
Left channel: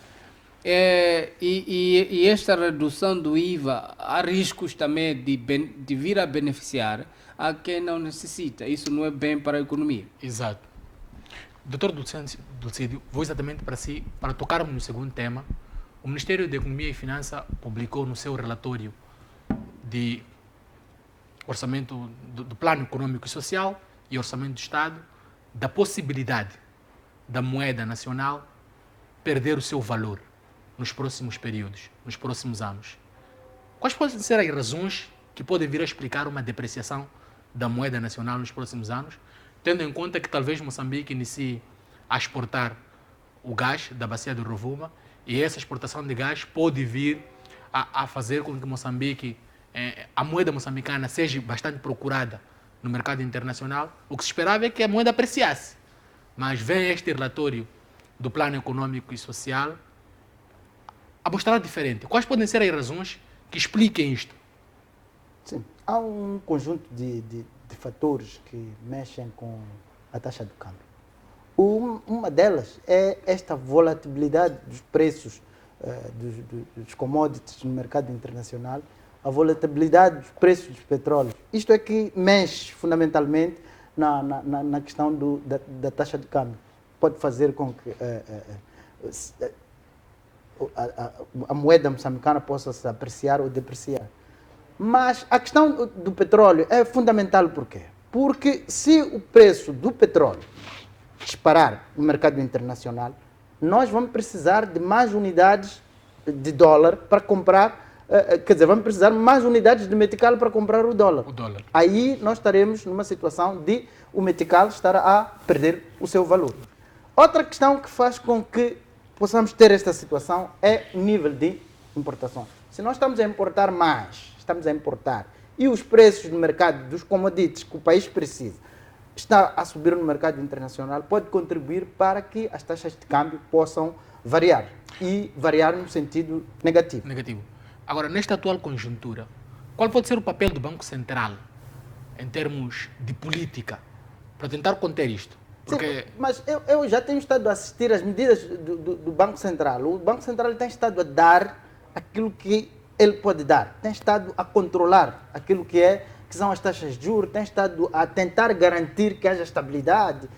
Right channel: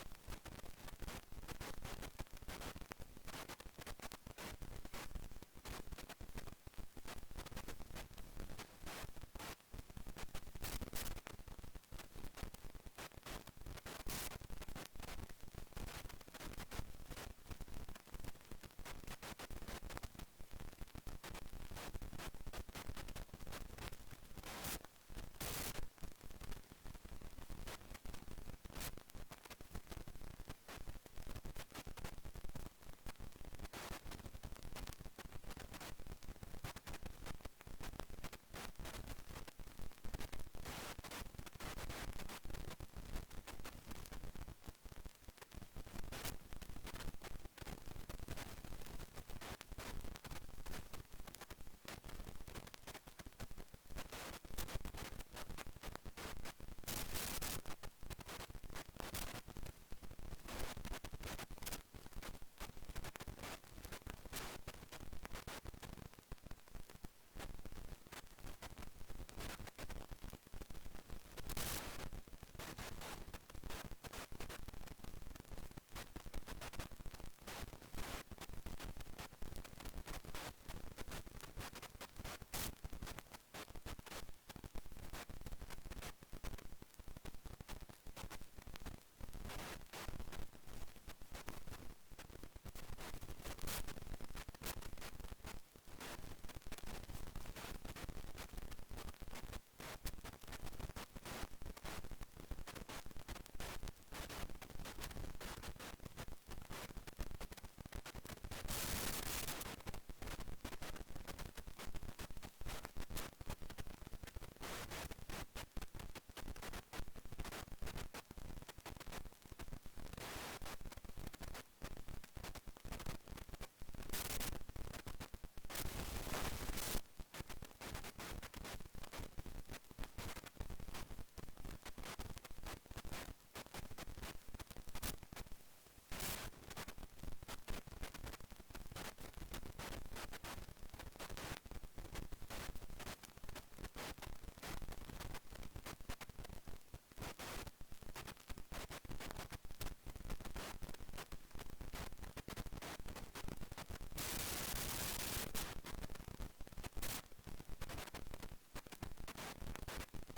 E esta redução do IVA, há riscos também de vir a beneficiar a quem não necessita. Isso não é bem para a economia. Exato. Doutor Dulcídio, vou exatamente para tocarmos no segundo tema. O Ministério da Economia e Finanças publicou no seu relatório de orçamento do Plano Econômico e Social e Orçamento do Estado da possibilidade da moeda nacional perder o seu valor nos próximos períodos, nos próximos anos. Quais podem ser as razões que podem vir a explicar uma depreciação da moeda nacional nos próximos anos, tendo em conta que talvez Moçambique inicie a exportar o gás da bacia do Rovuma e essa exportação de gás pode vir a fazer com que Moçambique, a moeda moçambicana seja bastante procurada no mercado internacional. O que se esperava é que a moeda apreciasse, mas vem este relatório do Plano Econômico e Social a mostrar diferente. Quais podem ser as razões que expliquem isto? Sim, há um conjunto de fatores que mexem com a taxa de câmbio. Uma delas é esta volatilidade dos preços dos commodities no mercado internacional, a volatilidade dos preços dos petróleos. Isto é que mexe fundamentalmente na questão da taxa de câmbio. Pode fazer com que a moeda moçambicana possa se apreciar ou depreciar. Mas a questão do petróleo é fundamental por quê? Porque se o preço do petróleo disparar no mercado internacional, nós vamos precisar de mais unidades de dólar para comprar, quer dizer, vamos precisar de mais unidades de metical para comprar o dólar. Aí nós estaremos numa situação de o metical estar a perder o seu valor. Outra questão que faz com que possamos ter esta situação é o nível de importação. Se nós estamos a importar mais, e os preços no mercado dos commodities que o país precisa está a subir no mercado internacional, pode contribuir para que as taxas de câmbio possam variar e variar no sentido negativo. Agora, nesta atual conjuntura, qual pode ser o papel do Banco Central em termos de política para tentar conter isto? Porque... Sim, mas eu já tenho estado a assistir às medidas do Banco Central. O Banco Central tem estado a dar aquilo que ele pode dar, tem estado a controlar aquilo que são as taxas de juros, tem estado a tentar garantir que haja estabilidade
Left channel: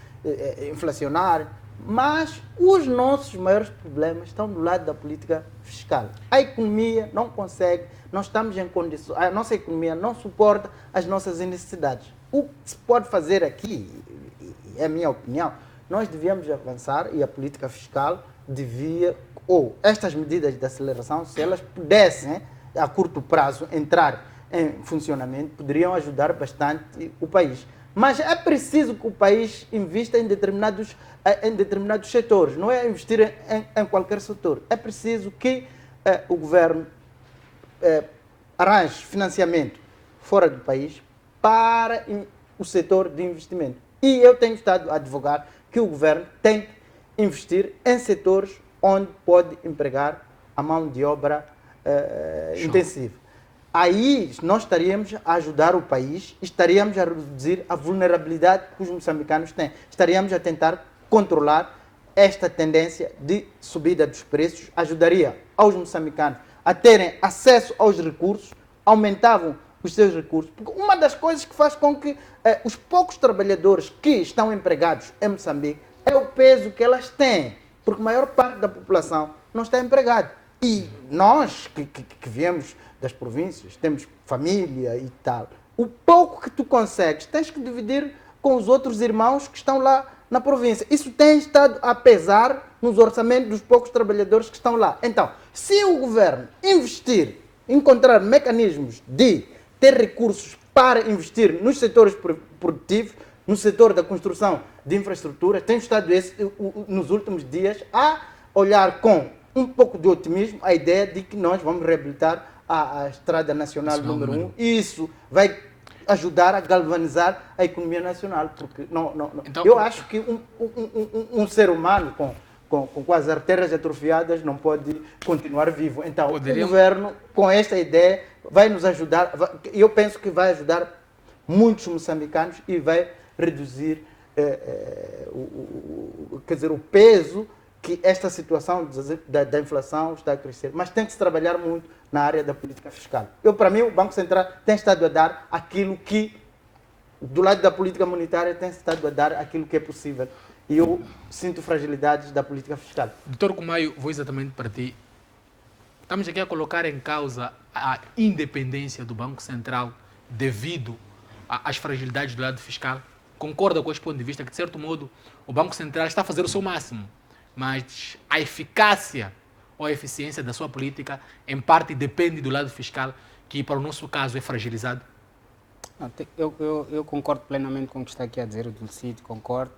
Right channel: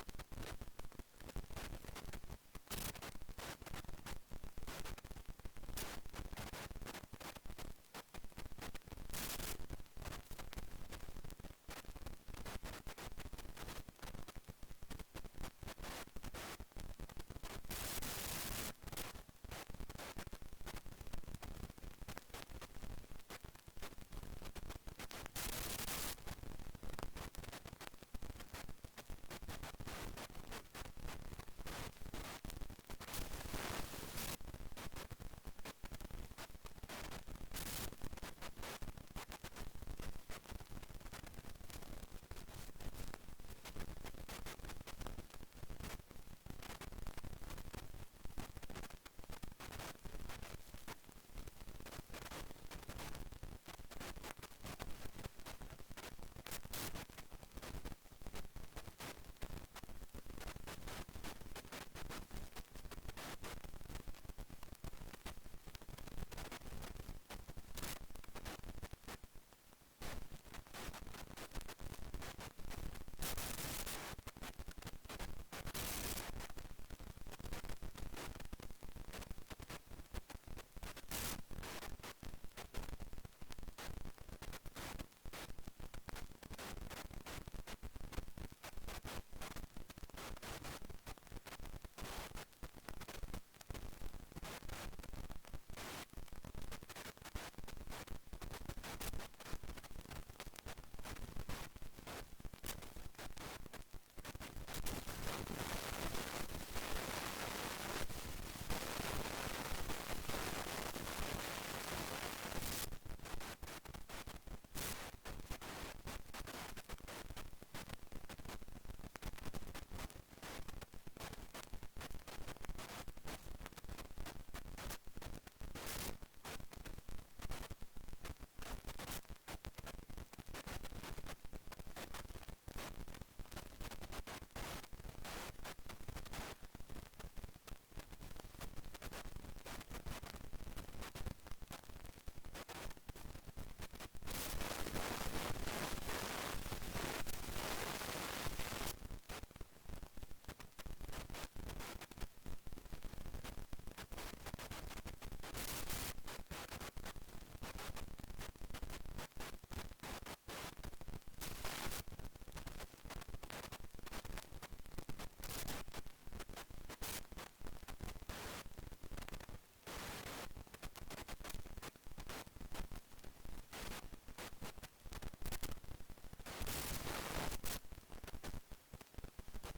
inflacionária, Mas os nossos maiores problemas estão do lado da política fiscal. A economia não consegue, nós estamos em condições, a nossa economia não suporta as nossas necessidades. O que se pode fazer aqui, é a minha opinião, nós devíamos avançar e a política fiscal devia, ou estas medidas de aceleração, se elas pudessem, a curto prazo, entrar em funcionamento, poderiam ajudar bastante o país. Mas é preciso que o país invista em determinados setores, não é investir em qualquer setor. É preciso que o governo arranje financiamento fora do país para o setor de investimento. E eu tenho estado a advogar que o governo tem que investir em setores onde pode empregar a mão de obra intensiva. Aí nós estaríamos a ajudar o país, estaríamos a reduzir a vulnerabilidade que os moçambicanos têm. Estaríamos a tentar controlar esta tendência de subida dos preços, ajudaria aos moçambicanos a terem acesso aos recursos, aumentavam os seus recursos. Porque uma das coisas que faz com que os poucos trabalhadores que estão empregados em Moçambique é o peso que elas têm, porque a maior parte da população não está empregada. E nós que viemos das províncias, temos família e tal, o pouco que tu consegues tens que dividir com os outros irmãos que estão lá na província. Isso tem estado a pesar nos orçamentos dos poucos trabalhadores que estão lá. Então, se o governo investir, encontrar mecanismos de ter recursos para investir nos setores produtivos, no setor da construção de infraestrutura, tem estado nos últimos dias a olhar com um pouco de otimismo a ideia de que nós vamos reabilitar a Estrada Nacional número 1 e isso vai ajudar a galvanizar a economia nacional, porque então, eu acho que um ser humano com as artérias atrofiadas não pode continuar vivo. Então, o governo, com esta ideia, vai nos ajudar, eu penso que vai ajudar muitos moçambicanos e vai reduzir o peso que esta situação da inflação está a crescer. Mas tem que se trabalhar muito na área da política fiscal. Para mim, o Banco Central tem estado a dar aquilo que, do lado da política monetária, tem estado a dar aquilo que é possível. E eu sinto fragilidades da política fiscal. Doutor Kumayo, vou exatamente para ti. Estamos aqui a colocar em causa a independência do Banco Central devido às fragilidades do lado fiscal. Concorda com este ponto de vista que, de certo modo, o Banco Central está a fazer o seu máximo, mas a eficácia ou a eficiência da sua política, em parte, depende do lado fiscal, que, para o nosso caso, é fragilizado? Eu concordo plenamente com o que está aqui a dizer o Dulcídio, concordo.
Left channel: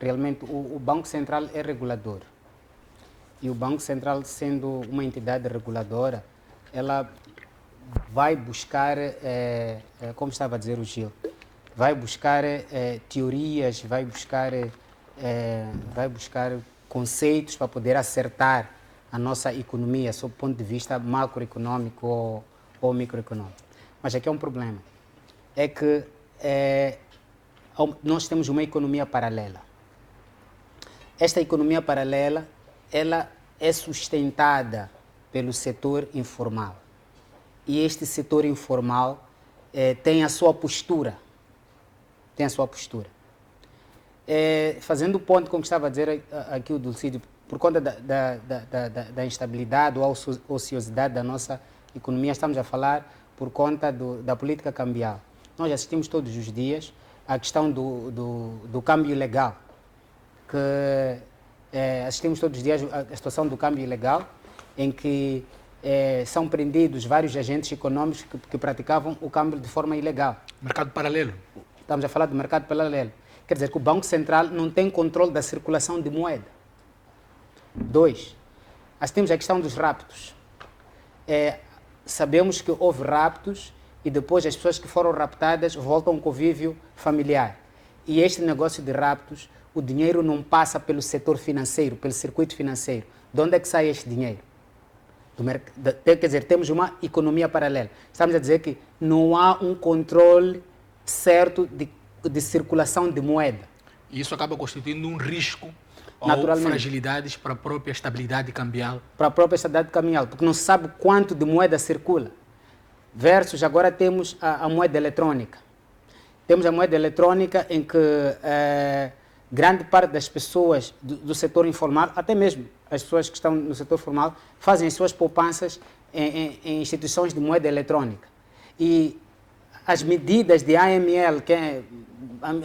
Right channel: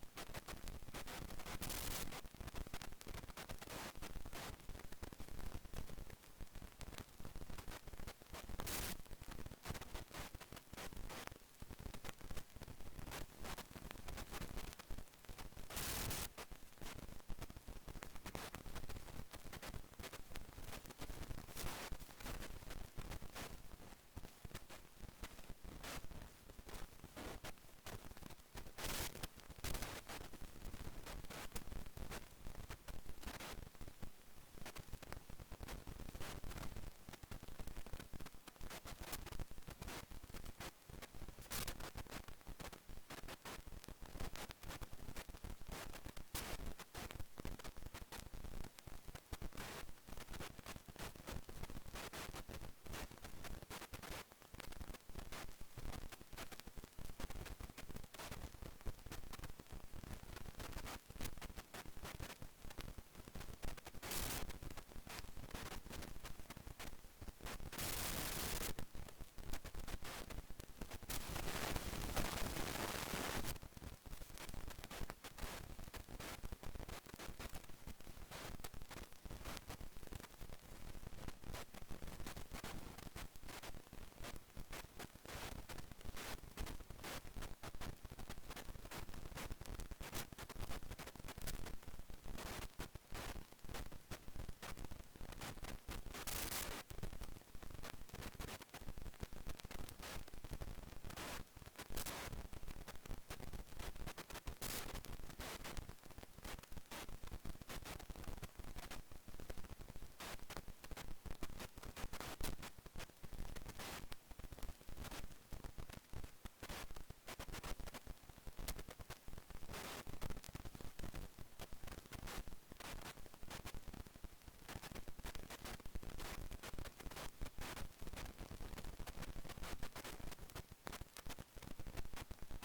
Realmente, o Banco Central é regulador. E o Banco Central, sendo uma entidade reguladora, ela vai buscar, como estava a dizer o Gil, vai buscar teorias, vai buscar conceitos para poder acertar a nossa economia sob o ponto de vista macroeconômico ou microeconômico. Mas aqui é um problema. É que nós temos uma economia paralela. Esta economia paralela, ela é sustentada pelo setor informal. E este setor informal tem a sua postura. Fazendo o ponto, como estava a dizer aqui o Dulcídio, por conta da instabilidade ou ociosidade da nossa economia, estamos a falar por conta da política cambial. Nós assistimos todos os dias à questão do câmbio ilegal, assistimos todos os dias à situação do câmbio ilegal, em que são prendidos vários agentes econômicos que praticavam o câmbio de forma ilegal. Mercado paralelo. Estamos a falar do mercado paralelo. Quer dizer que o Banco Central não tem controle da circulação de moeda. 2. Temos a questão dos raptos. Sabemos que houve raptos e depois as pessoas que foram raptadas voltam ao convívio familiar. E este negócio de raptos, o dinheiro não passa pelo setor financeiro, pelo circuito financeiro. De onde é que sai este dinheiro? Quer dizer, temos uma economia paralela. Estamos a dizer que não há um controle certo de circulação de moeda. E isso acaba constituindo um risco ou fragilidades para a própria estabilidade cambial. Para a própria estabilidade cambial, porque não se sabe quanto de moeda circula. Versus, agora temos a moeda eletrônica. Temos a moeda eletrônica em que grande parte das pessoas do setor informal, até mesmo as pessoas que estão no setor formal, fazem suas poupanças em instituições de moeda eletrónica. E as medidas de AML,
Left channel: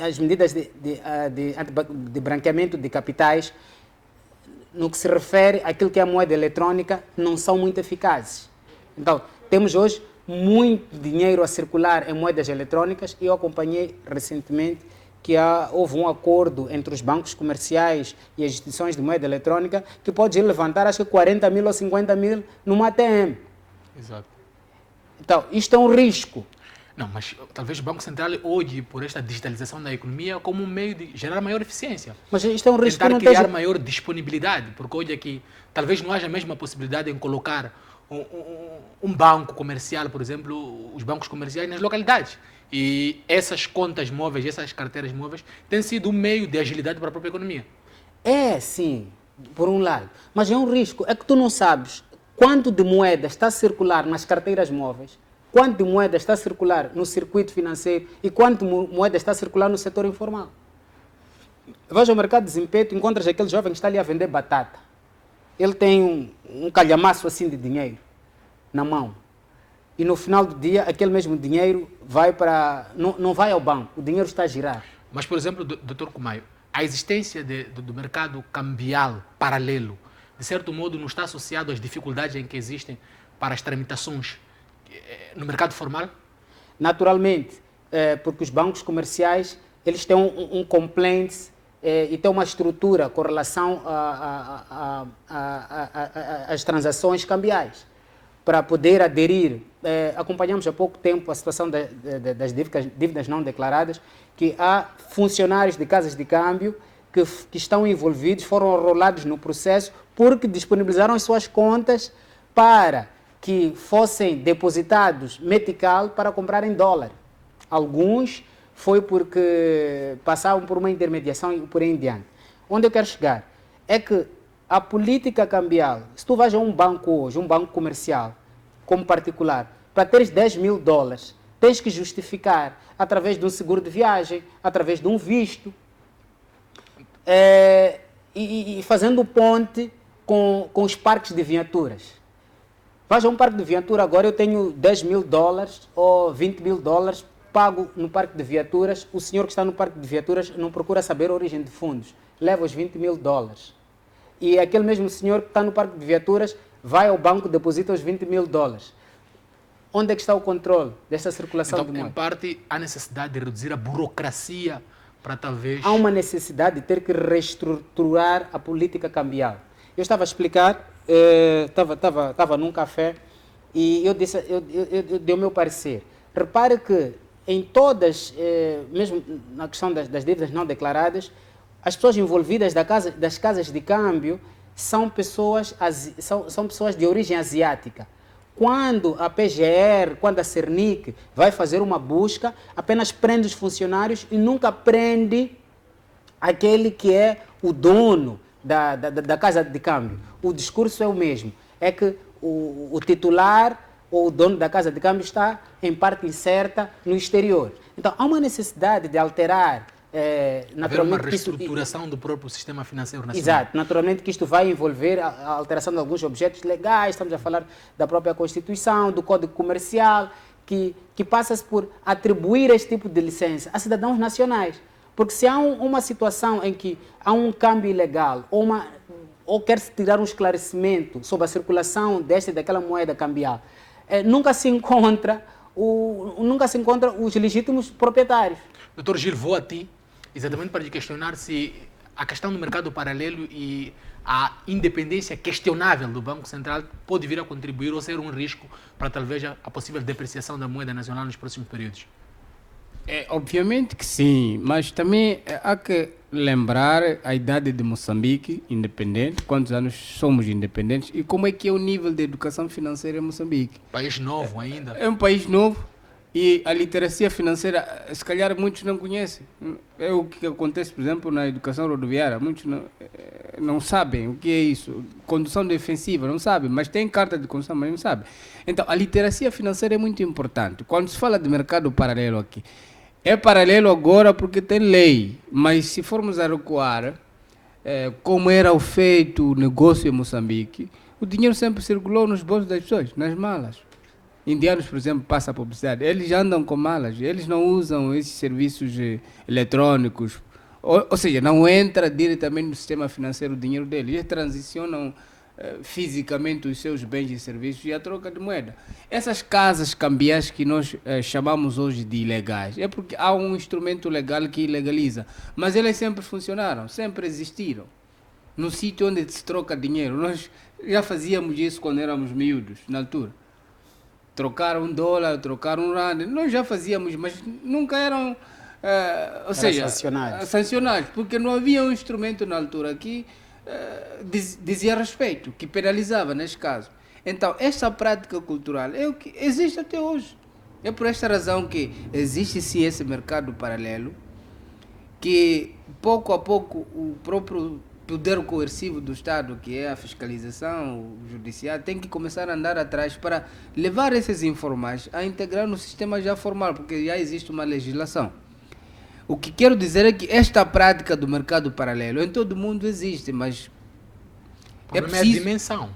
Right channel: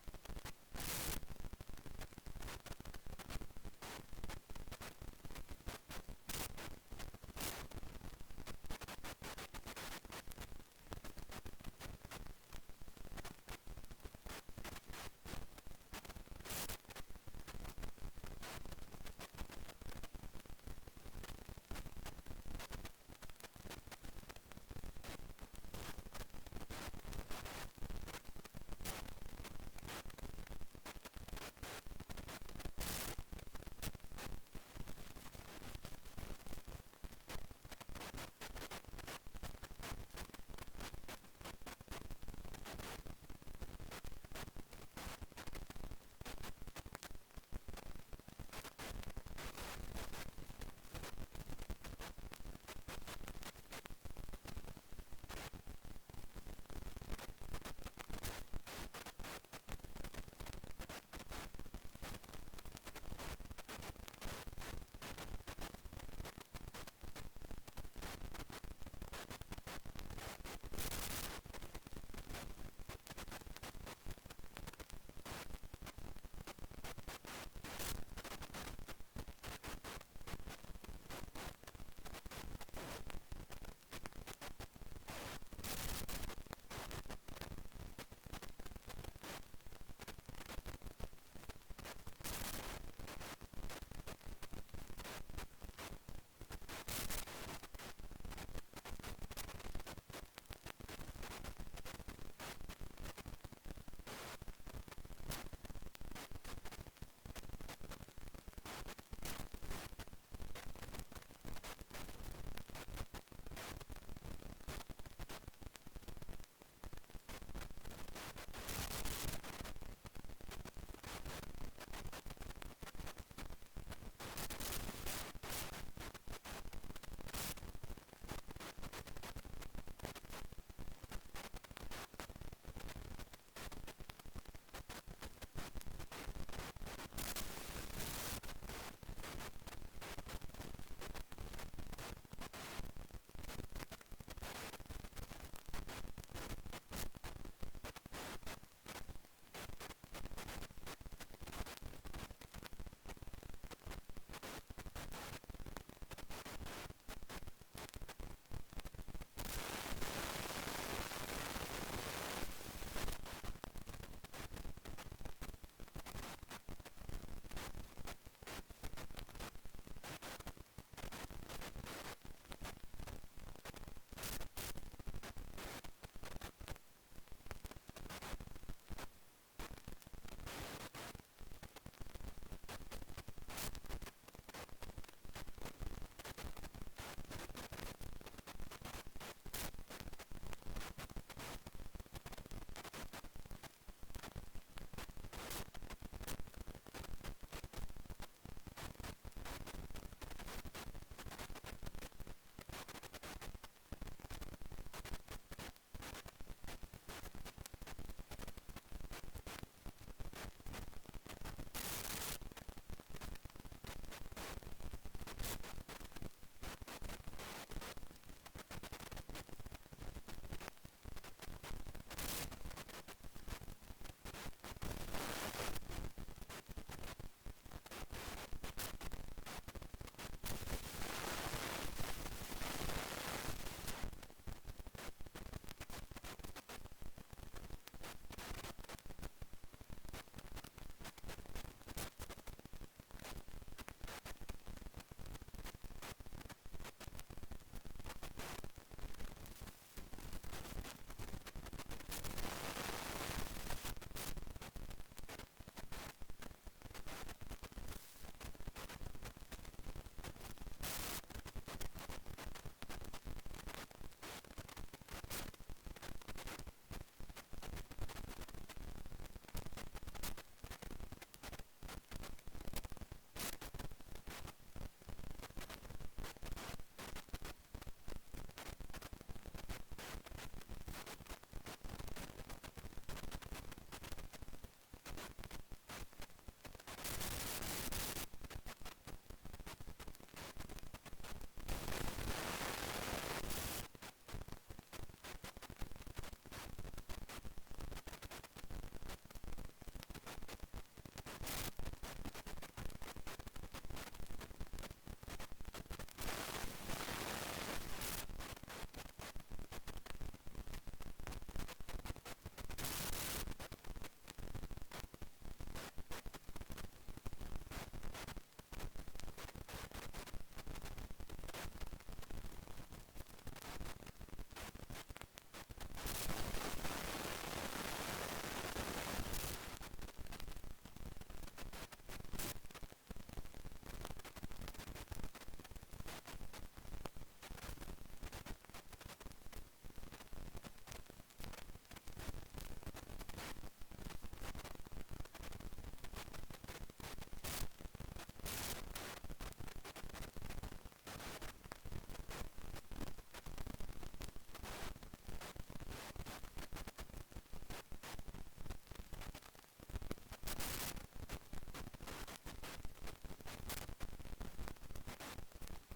as medidas de branqueamento de capitais, no que se refere àquilo que é a moeda eletrónica, não são muito eficazes. Então, temos hoje muito dinheiro a circular em moedas eletrónicas e eu acompanhei recentemente que houve um acordo entre os bancos comerciais e as instituições de moeda eletrónica que pode levantar, acho que 40 mil ou 50 mil numa ATM. Exato. Então, isto é um risco. Não, mas talvez o Banco Central olhe por esta digitalização da economia como um meio de gerar maior eficiência. Mas isto é um risco que Tentar não criar esteja... maior disponibilidade, porque olha que talvez não haja a mesma possibilidade em colocar um banco comercial, por exemplo, os bancos comerciais nas localidades. E essas contas móveis, essas carteiras móveis, têm sido um meio de agilidade para a própria economia. É, sim, por um lado. Mas é um risco. É que tu não sabes quanto de moeda está a circular nas carteiras móveis, quanto de moeda está a circular no circuito financeiro e quanto de moeda está a circular no setor informal. Vais ao mercado de desempenho, encontras aquele jovem que está ali a vender batata. Ele tem um calhamaço assim de dinheiro na mão. E no final do dia, aquele mesmo dinheiro vai para... Não vai ao banco, o dinheiro está a girar. Mas, por exemplo, Dr. Kumayo, a existência do mercado cambial paralelo, de certo modo, não está associado às dificuldades em que existem para as tramitações no mercado formal? Naturalmente, porque os bancos comerciais eles têm um compliance e têm uma estrutura com relação às transações cambiais. Para poder aderir, acompanhamos há pouco tempo a situação das dívidas não declaradas, que há funcionários de casas de câmbio que estão envolvidos, foram enrolados no processo porque disponibilizaram as suas contas para que fossem depositados metical para comprar em dólar. Alguns foi porque passavam por uma intermediação e por aí em diante. Onde eu quero chegar é que a política cambial, se tu vais a um banco hoje, um banco comercial, como particular, para teres 10 mil dólares, tens que justificar através de um seguro de viagem, através de um visto, e fazendo ponte com os parques de viaturas. Vais a um parque de viatura, agora eu tenho 10 mil dólares ou 20 mil dólares, pago no parque de viaturas, o senhor que está no parque de viaturas não procura saber a origem de fundos, leva os 20 mil dólares. E aquele mesmo senhor que está no parque de viaturas vai ao banco, deposita os 20 mil dólares. Onde é que está o controle dessa circulação Então, de em moeda? parte, há necessidade de reduzir a burocracia para talvez... Há uma necessidade de ter que reestruturar a política cambial. Eu estava a explicar, estava num café e eu dei o meu parecer. Repare que em todas, mesmo na questão das dívidas não declaradas, as pessoas envolvidas das casas de câmbio são pessoas de origem asiática. Quando a PGR, quando a Cernic vai fazer uma busca, apenas prende os funcionários e nunca prende aquele que é o dono da casa de câmbio. O discurso é o mesmo. É que o titular ou o dono da casa de câmbio está em parte incerta no exterior. Então, há uma necessidade de alterar haver uma reestruturação do próprio sistema financeiro nacional. Exato. Naturalmente que isto vai envolver a alteração de alguns objetos legais, estamos a falar da própria Constituição, do Código Comercial, que passa-se por atribuir este tipo de licença a cidadãos nacionais. Porque se há uma situação em que há um câmbio ilegal ou quer-se tirar um esclarecimento sobre a circulação desta e daquela moeda cambial, nunca se encontra os legítimos proprietários. Doutor Gil, vou a ti, exatamente para lhe questionar se a questão do mercado paralelo e a independência questionável do Banco Central pode vir a contribuir ou ser um risco para talvez a possível depreciação da moeda nacional nos próximos períodos. Obviamente que sim, mas também há que lembrar a idade de Moçambique, independente, quantos anos somos independentes e como é que é o nível de educação financeira em Moçambique. País novo ainda. É um país novo e a literacia financeira, se calhar muitos não conhecem. É o que acontece, por exemplo, na educação rodoviária. Muitos não sabem o que é isso. Condução defensiva, não sabem, mas tem carta de condução, mas não sabem. Então, a literacia financeira é muito importante. Quando se fala de mercado paralelo aqui, É paralelo agora porque tem lei, mas se formos a recuar, como era o feito o negócio em Moçambique, o dinheiro sempre circulou nos bolsos das pessoas, nas malas. Indianos, por exemplo, passam a publicidade, eles andam com malas, eles não usam esses serviços eletrônicos, ou seja, não entra diretamente no sistema financeiro o dinheiro deles, eles transicionam fisicamente os seus bens e serviços e a troca de moeda. Essas casas cambiais que nós chamamos hoje de ilegais, é porque há um instrumento legal que ilegaliza, mas elas sempre funcionaram, sempre existiram. No sítio onde se troca dinheiro, nós já fazíamos isso quando éramos miúdos, na altura. Trocar um dólar, trocar um rand, nós já fazíamos, mas nunca eram, ou seja, sancionados, porque não havia um instrumento na altura que dizia respeito, que penalizava neste caso. Então, esta prática cultural é o que existe até hoje. É por esta razão que existe sim esse mercado paralelo, que pouco a pouco o próprio poder coercivo do Estado, que é a fiscalização, o judiciário, tem que começar a andar atrás para levar esses informais a integrar no sistema já formal, porque já existe uma legislação. O que quero dizer é que esta prática do mercado paralelo em todo o mundo existe, mas o problema é a dimensão.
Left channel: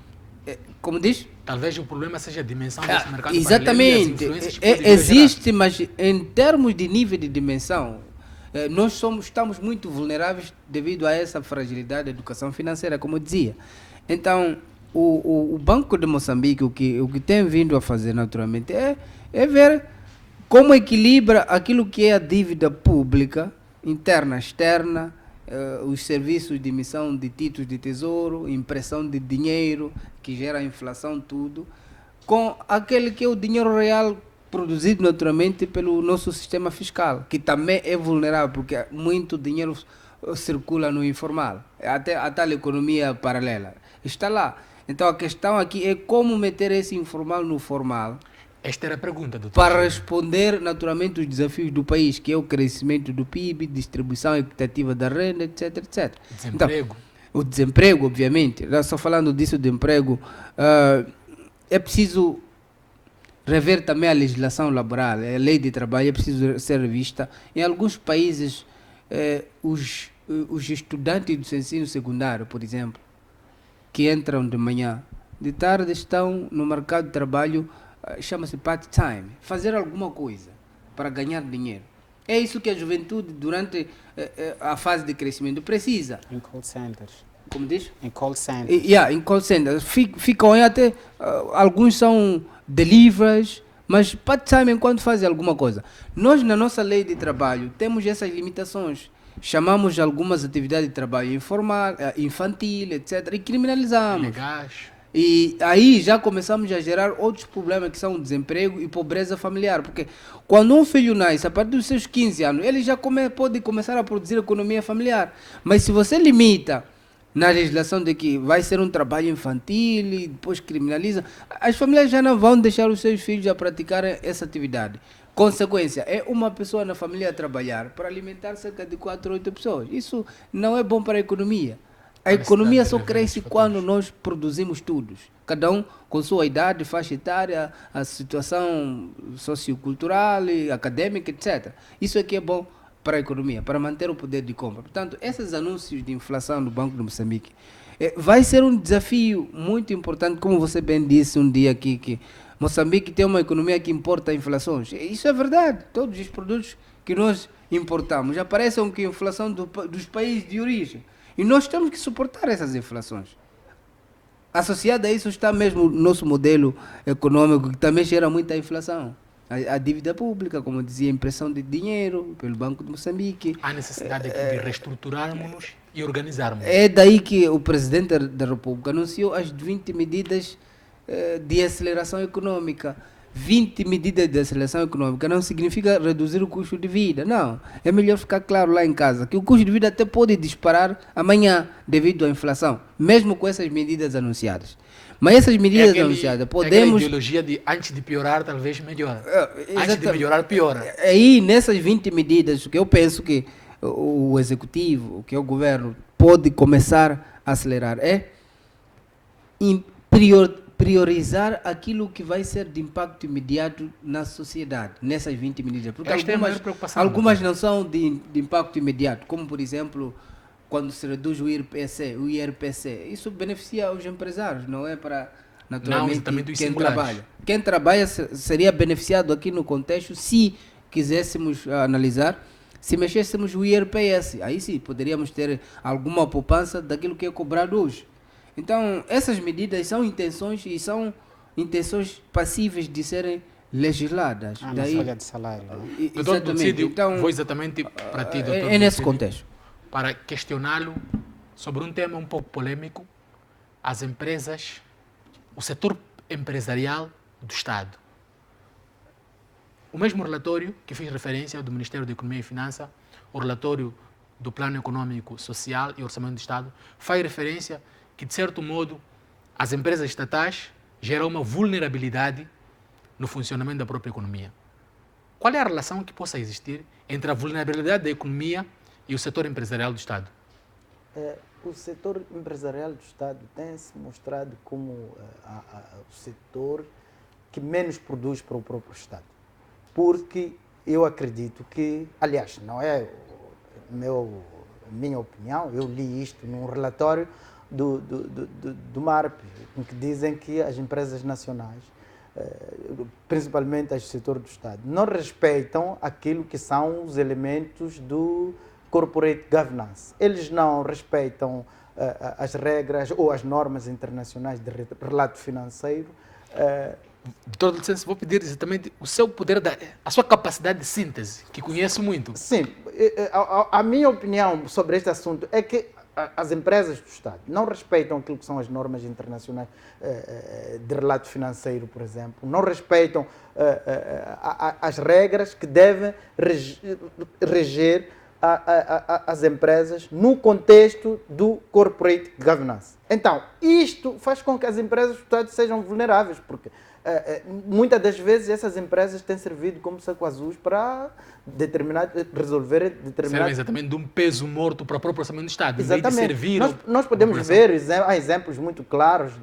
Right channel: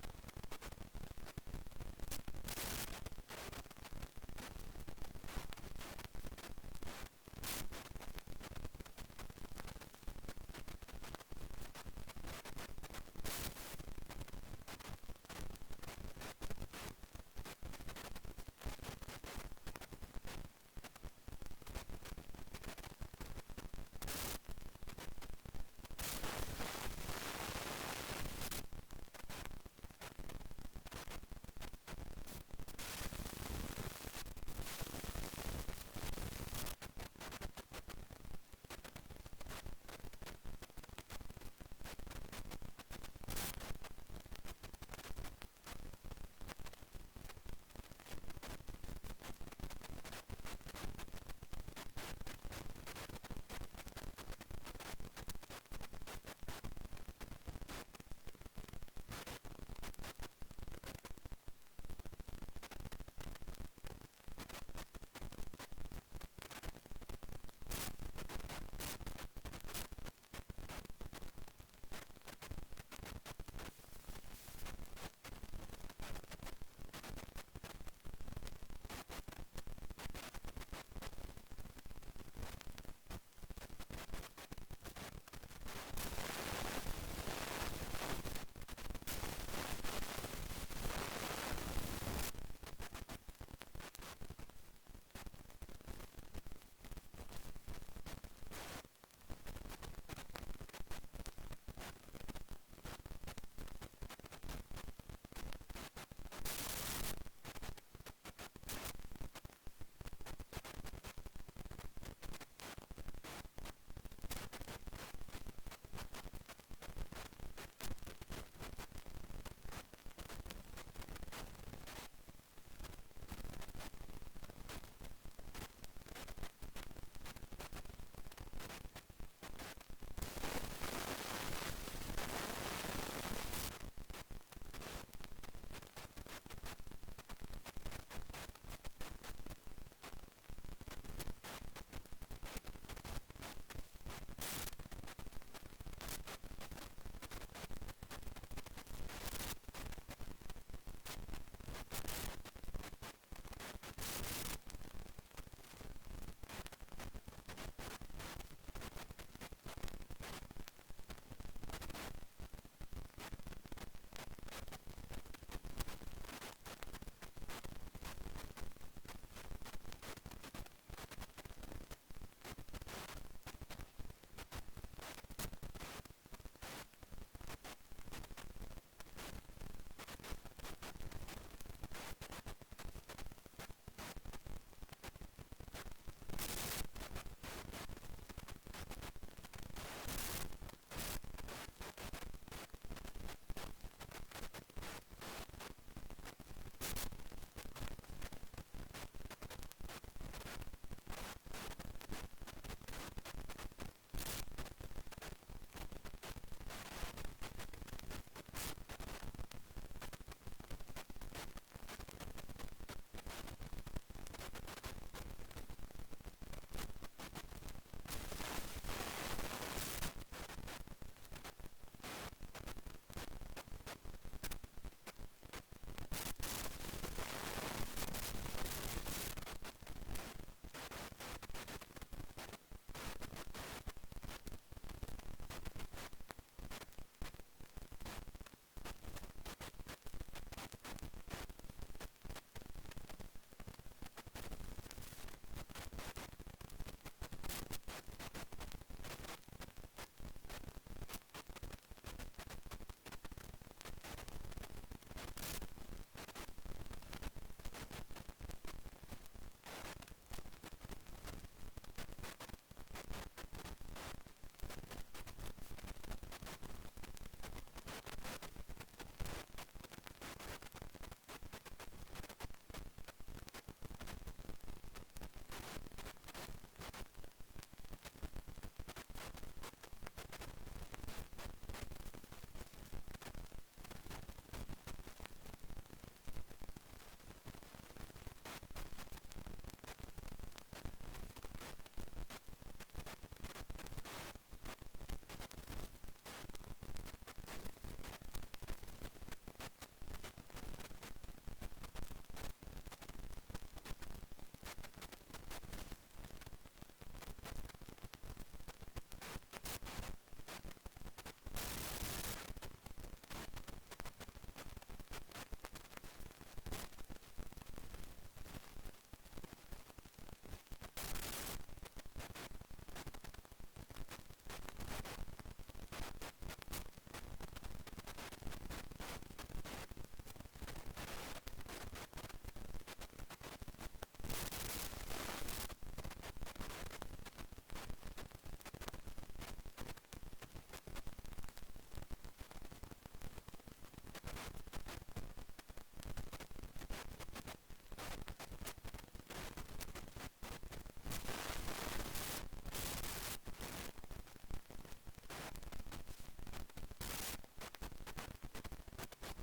Como diz? Talvez o problema seja a dimensão desse mercado exatamente. paralelo. Exatamente. Existe, mas em termos de nível de dimensão, nós estamos muito vulneráveis devido a essa fragilidade da educação financeira, como eu dizia. Então, o Banco de Moçambique, o que tem vindo a fazer naturalmente é ver como equilibra aquilo que é a dívida pública, interna, externa, os serviços de emissão de títulos de tesouro, impressão de dinheiro, que gera inflação, tudo, com aquele que é o dinheiro real produzido naturalmente pelo nosso sistema fiscal, que também é vulnerável, porque muito dinheiro circula no informal, até a tal economia paralela. Está lá. Então a questão aqui é como meter esse informal no formal. Esta era a pergunta, doutor. Para responder naturalmente os desafios do país, que é o crescimento do PIB, distribuição equitativa da renda, etc, etc. Desemprego. Então, o desemprego, obviamente, só falando disso de emprego, é preciso rever também a legislação laboral, a lei de trabalho é preciso ser revista. Em alguns países, os estudantes do ensino secundário, por exemplo, que entram de manhã, de tarde estão no mercado de trabalho, chama-se part-time, fazer alguma coisa para ganhar dinheiro. É isso que a juventude, durante a fase de crescimento, precisa. Em call centers. Como diz? Em call centers. Em call centers. Ficam aí até, alguns são deliveries, mas part-time enquanto fazem alguma coisa. Nós, na nossa lei de trabalho, temos essas limitações. Chamamos algumas atividades de trabalho informal, infantil, etc. e criminalizamos. Legais. E aí já começamos a gerar outros problemas que são desemprego e pobreza familiar, porque quando um filho nasce, a partir dos seus 15 anos, ele já pode começar a produzir economia familiar. Mas se você limita na legislação de que vai ser um trabalho infantil e depois criminaliza, as famílias já não vão deixar os seus filhos a praticar essa atividade. Consequência, é uma pessoa na família a trabalhar para alimentar cerca de 4 ou 8 pessoas. Isso não é bom para a economia. A economia só cresce quando nós produzimos tudo. Cada um com sua idade, faixa etária, a situação sociocultural, acadêmica, etc. Isso é que é bom para a economia, para manter o poder de compra. Portanto, esses anúncios de inflação no Banco de Moçambique vai ser um desafio muito importante, como você bem disse um dia aqui, que Moçambique tem uma economia que importa inflações. Isso é verdade. Todos os produtos que nós importamos aparecem com a inflação dos países de origem. E nós temos que suportar essas inflações. Associado a isso está mesmo o nosso modelo econômico, que também gera muita inflação. A dívida pública, como dizia, a impressão de dinheiro pelo Banco de Moçambique. Há necessidade aqui de reestruturarmos e organizarmos. É daí que o Presidente da República anunciou as 20 medidas de aceleração econômica. 20 medidas de aceleração econômica não significa reduzir o custo de vida, não. É melhor ficar claro lá em casa que o custo de vida até pode disparar amanhã devido à inflação, mesmo com essas medidas anunciadas. Mas essas medidas anunciadas, podemos... É a ideologia de antes de piorar, talvez melhora. Antes de melhorar, piora. Aí, nessas 20 medidas, que eu penso que o Executivo, que é o Governo, pode começar a acelerar, é priorizar aquilo que vai ser de impacto imediato na sociedade, nessas 20 medidas. Porque Esta é a maior preocupação, algumas doutor. não são de impacto imediato, como por exemplo, quando se reduz o IRPC. Isso beneficia os empresários, não é para, naturalmente, exatamente os quem singulares. trabalha. Quem trabalha seria beneficiado aqui no contexto se quiséssemos analisar, se mexêssemos o IRPS. Aí sim, poderíamos ter alguma poupança daquilo que é cobrado hoje. Então, essas medidas são intenções e são intenções passíveis de serem legisladas. Na folha de salário. Né? Doutor Exatamente. Ducídio, Então, vou exatamente para ti, doutor é nesse Ducídio, contexto. para questioná-lo sobre um tema um pouco polêmico, as empresas, o setor empresarial do Estado. O mesmo relatório que fiz referência do Ministério da Economia e Finanças, o relatório do Plano Econômico, Social e Orçamento do Estado, faz referência que, de certo modo, as empresas estatais geram uma vulnerabilidade no funcionamento da própria economia. Qual é a relação que possa existir entre a vulnerabilidade da economia e o setor empresarial do Estado? O setor empresarial do Estado tem se mostrado como o setor que menos produz para o próprio Estado. Porque eu acredito que, aliás, não é minha opinião, eu li isto num relatório do MARP, em que dizem que as empresas nacionais, principalmente as do setor do Estado, não respeitam aquilo que são os elementos do corporate governance. Eles não respeitam as regras ou as normas internacionais de relato financeiro. Doutor, licença, vou pedir exatamente o seu poder, a sua capacidade de síntese, que conheço muito. Sim, a minha opinião sobre este assunto é que as empresas do Estado não respeitam aquilo que são as normas internacionais de relato financeiro, por exemplo, não respeitam as regras que devem reger as empresas no contexto do corporate governance. Então, isto faz com que as empresas do Estado sejam vulneráveis, porque muitas das vezes essas empresas têm servido como saco azuis para resolver determinados... Servem exatamente de um peso morto para o próprio orçamento do Estado. Exatamente. Em vez de servir Nós podemos ver, há exemplos muito claros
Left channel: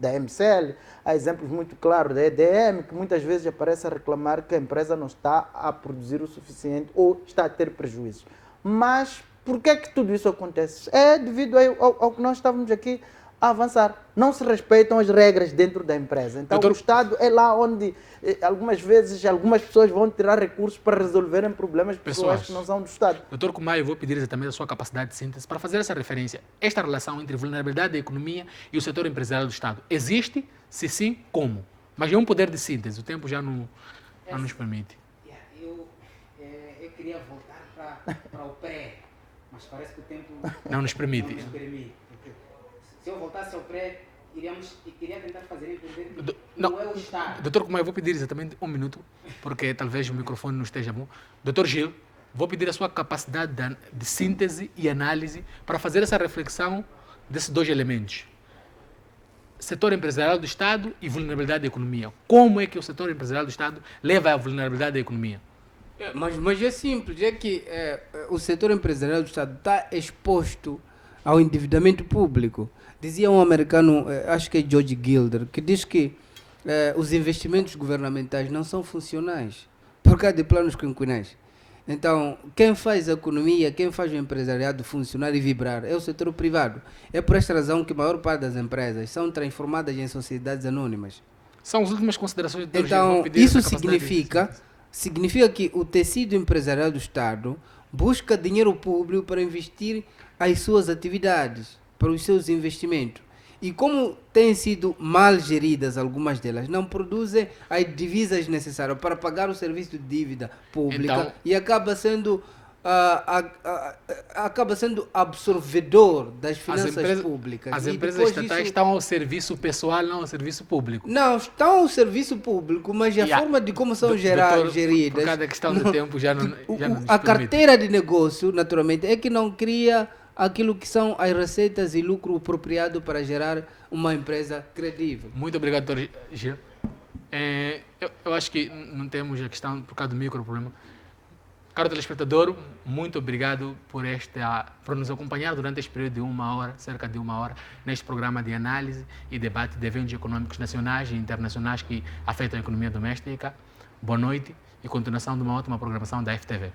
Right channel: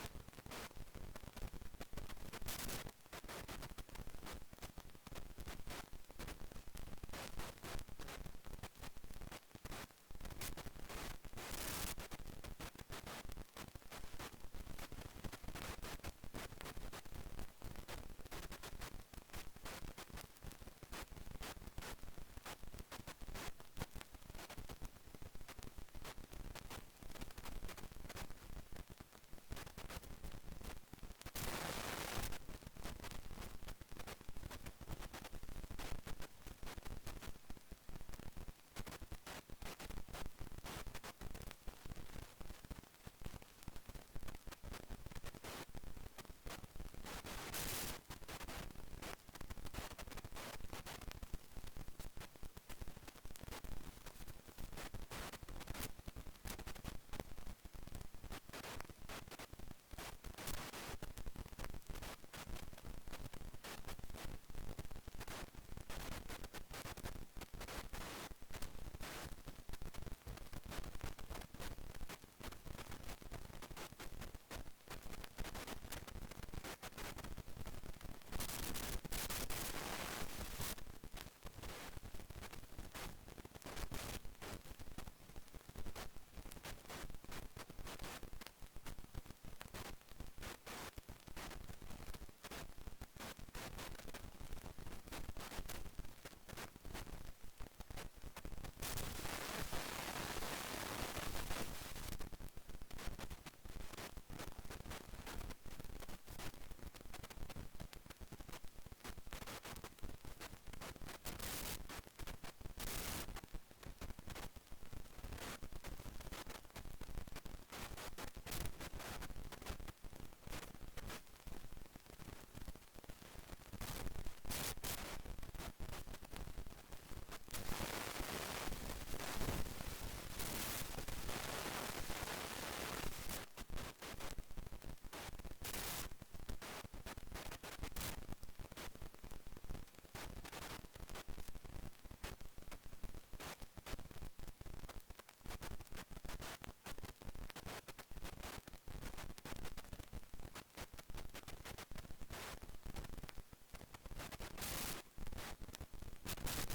da MCL, há exemplos muito claros da EDM, que muitas vezes aparece a reclamar que a empresa não está a produzir o suficiente ou está a ter prejuízo. Mas por que é que tudo isso acontece? É devido ao que nós estávamos aqui a avançar. Não se respeitam as regras dentro da empresa. Então, Doutor, o Estado é lá onde algumas vezes algumas pessoas vão tirar recursos para resolverem problemas pessoais que não são do Estado. Doutor Kumayo, eu vou pedir exatamente a sua capacidade de síntese para fazer essa referência. Esta relação entre vulnerabilidade da economia e o setor empresarial do Estado existe? Se sim, como? Mas é um poder de síntese, o tempo já não nos permite. Eu queria voltar para o pré, mas parece que o tempo Não nos permite. não nos permite. Se eu voltasse ao pré, queria tentar fazer entender que não é o Estado. Doutor Kumayo, eu vou pedir exatamente um minuto, porque talvez o microfone não esteja bom. Doutor Gil, vou pedir a sua capacidade de síntese e análise para fazer essa reflexão desses dois elementos. Setor empresarial do Estado e vulnerabilidade da economia. Como é que o setor empresarial do Estado leva à vulnerabilidade da economia? Mas é simples, é que o setor empresarial do Estado está exposto ao endividamento público. Dizia um americano, acho que é George Gilder, que diz que os investimentos governamentais não são funcionais por causa de planos quinquenais. Então, quem faz a economia, quem faz o empresariado funcionar e vibrar é o setor privado. É por esta razão que a maior parte das empresas são transformadas em sociedades anônimas. São as últimas considerações do Dr. Gil. Então, Vou pedir isso essa capacidade significa que o tecido empresarial do Estado busca dinheiro público para investir as suas atividades, para os seus investimentos. E como têm sido mal geridas algumas delas, não produzem as divisas necessárias para pagar o serviço de dívida pública Então, e acaba sendo absorvedor das finanças públicas. As E empresas depois estatais disso- estão ao serviço pessoal, não ao serviço público. Não, estão ao serviço público, mas a forma de como são Doutor, geridas... por cada questão de tempo já não nos a permite. carteira de negócio, naturalmente, é que não cria aquilo que são as receitas e lucro apropriado para gerar uma empresa credível. Muito obrigado, Dr. Gil. Eu acho que não temos a questão por causa do micro problema. Caro telespectador, muito obrigado por nos acompanhar durante este período de 1 hora, cerca de 1 hora, neste programa de análise e debate de eventos econômicos nacionais e internacionais que afetam a economia doméstica. Boa noite e continuação de uma ótima programação da FTV.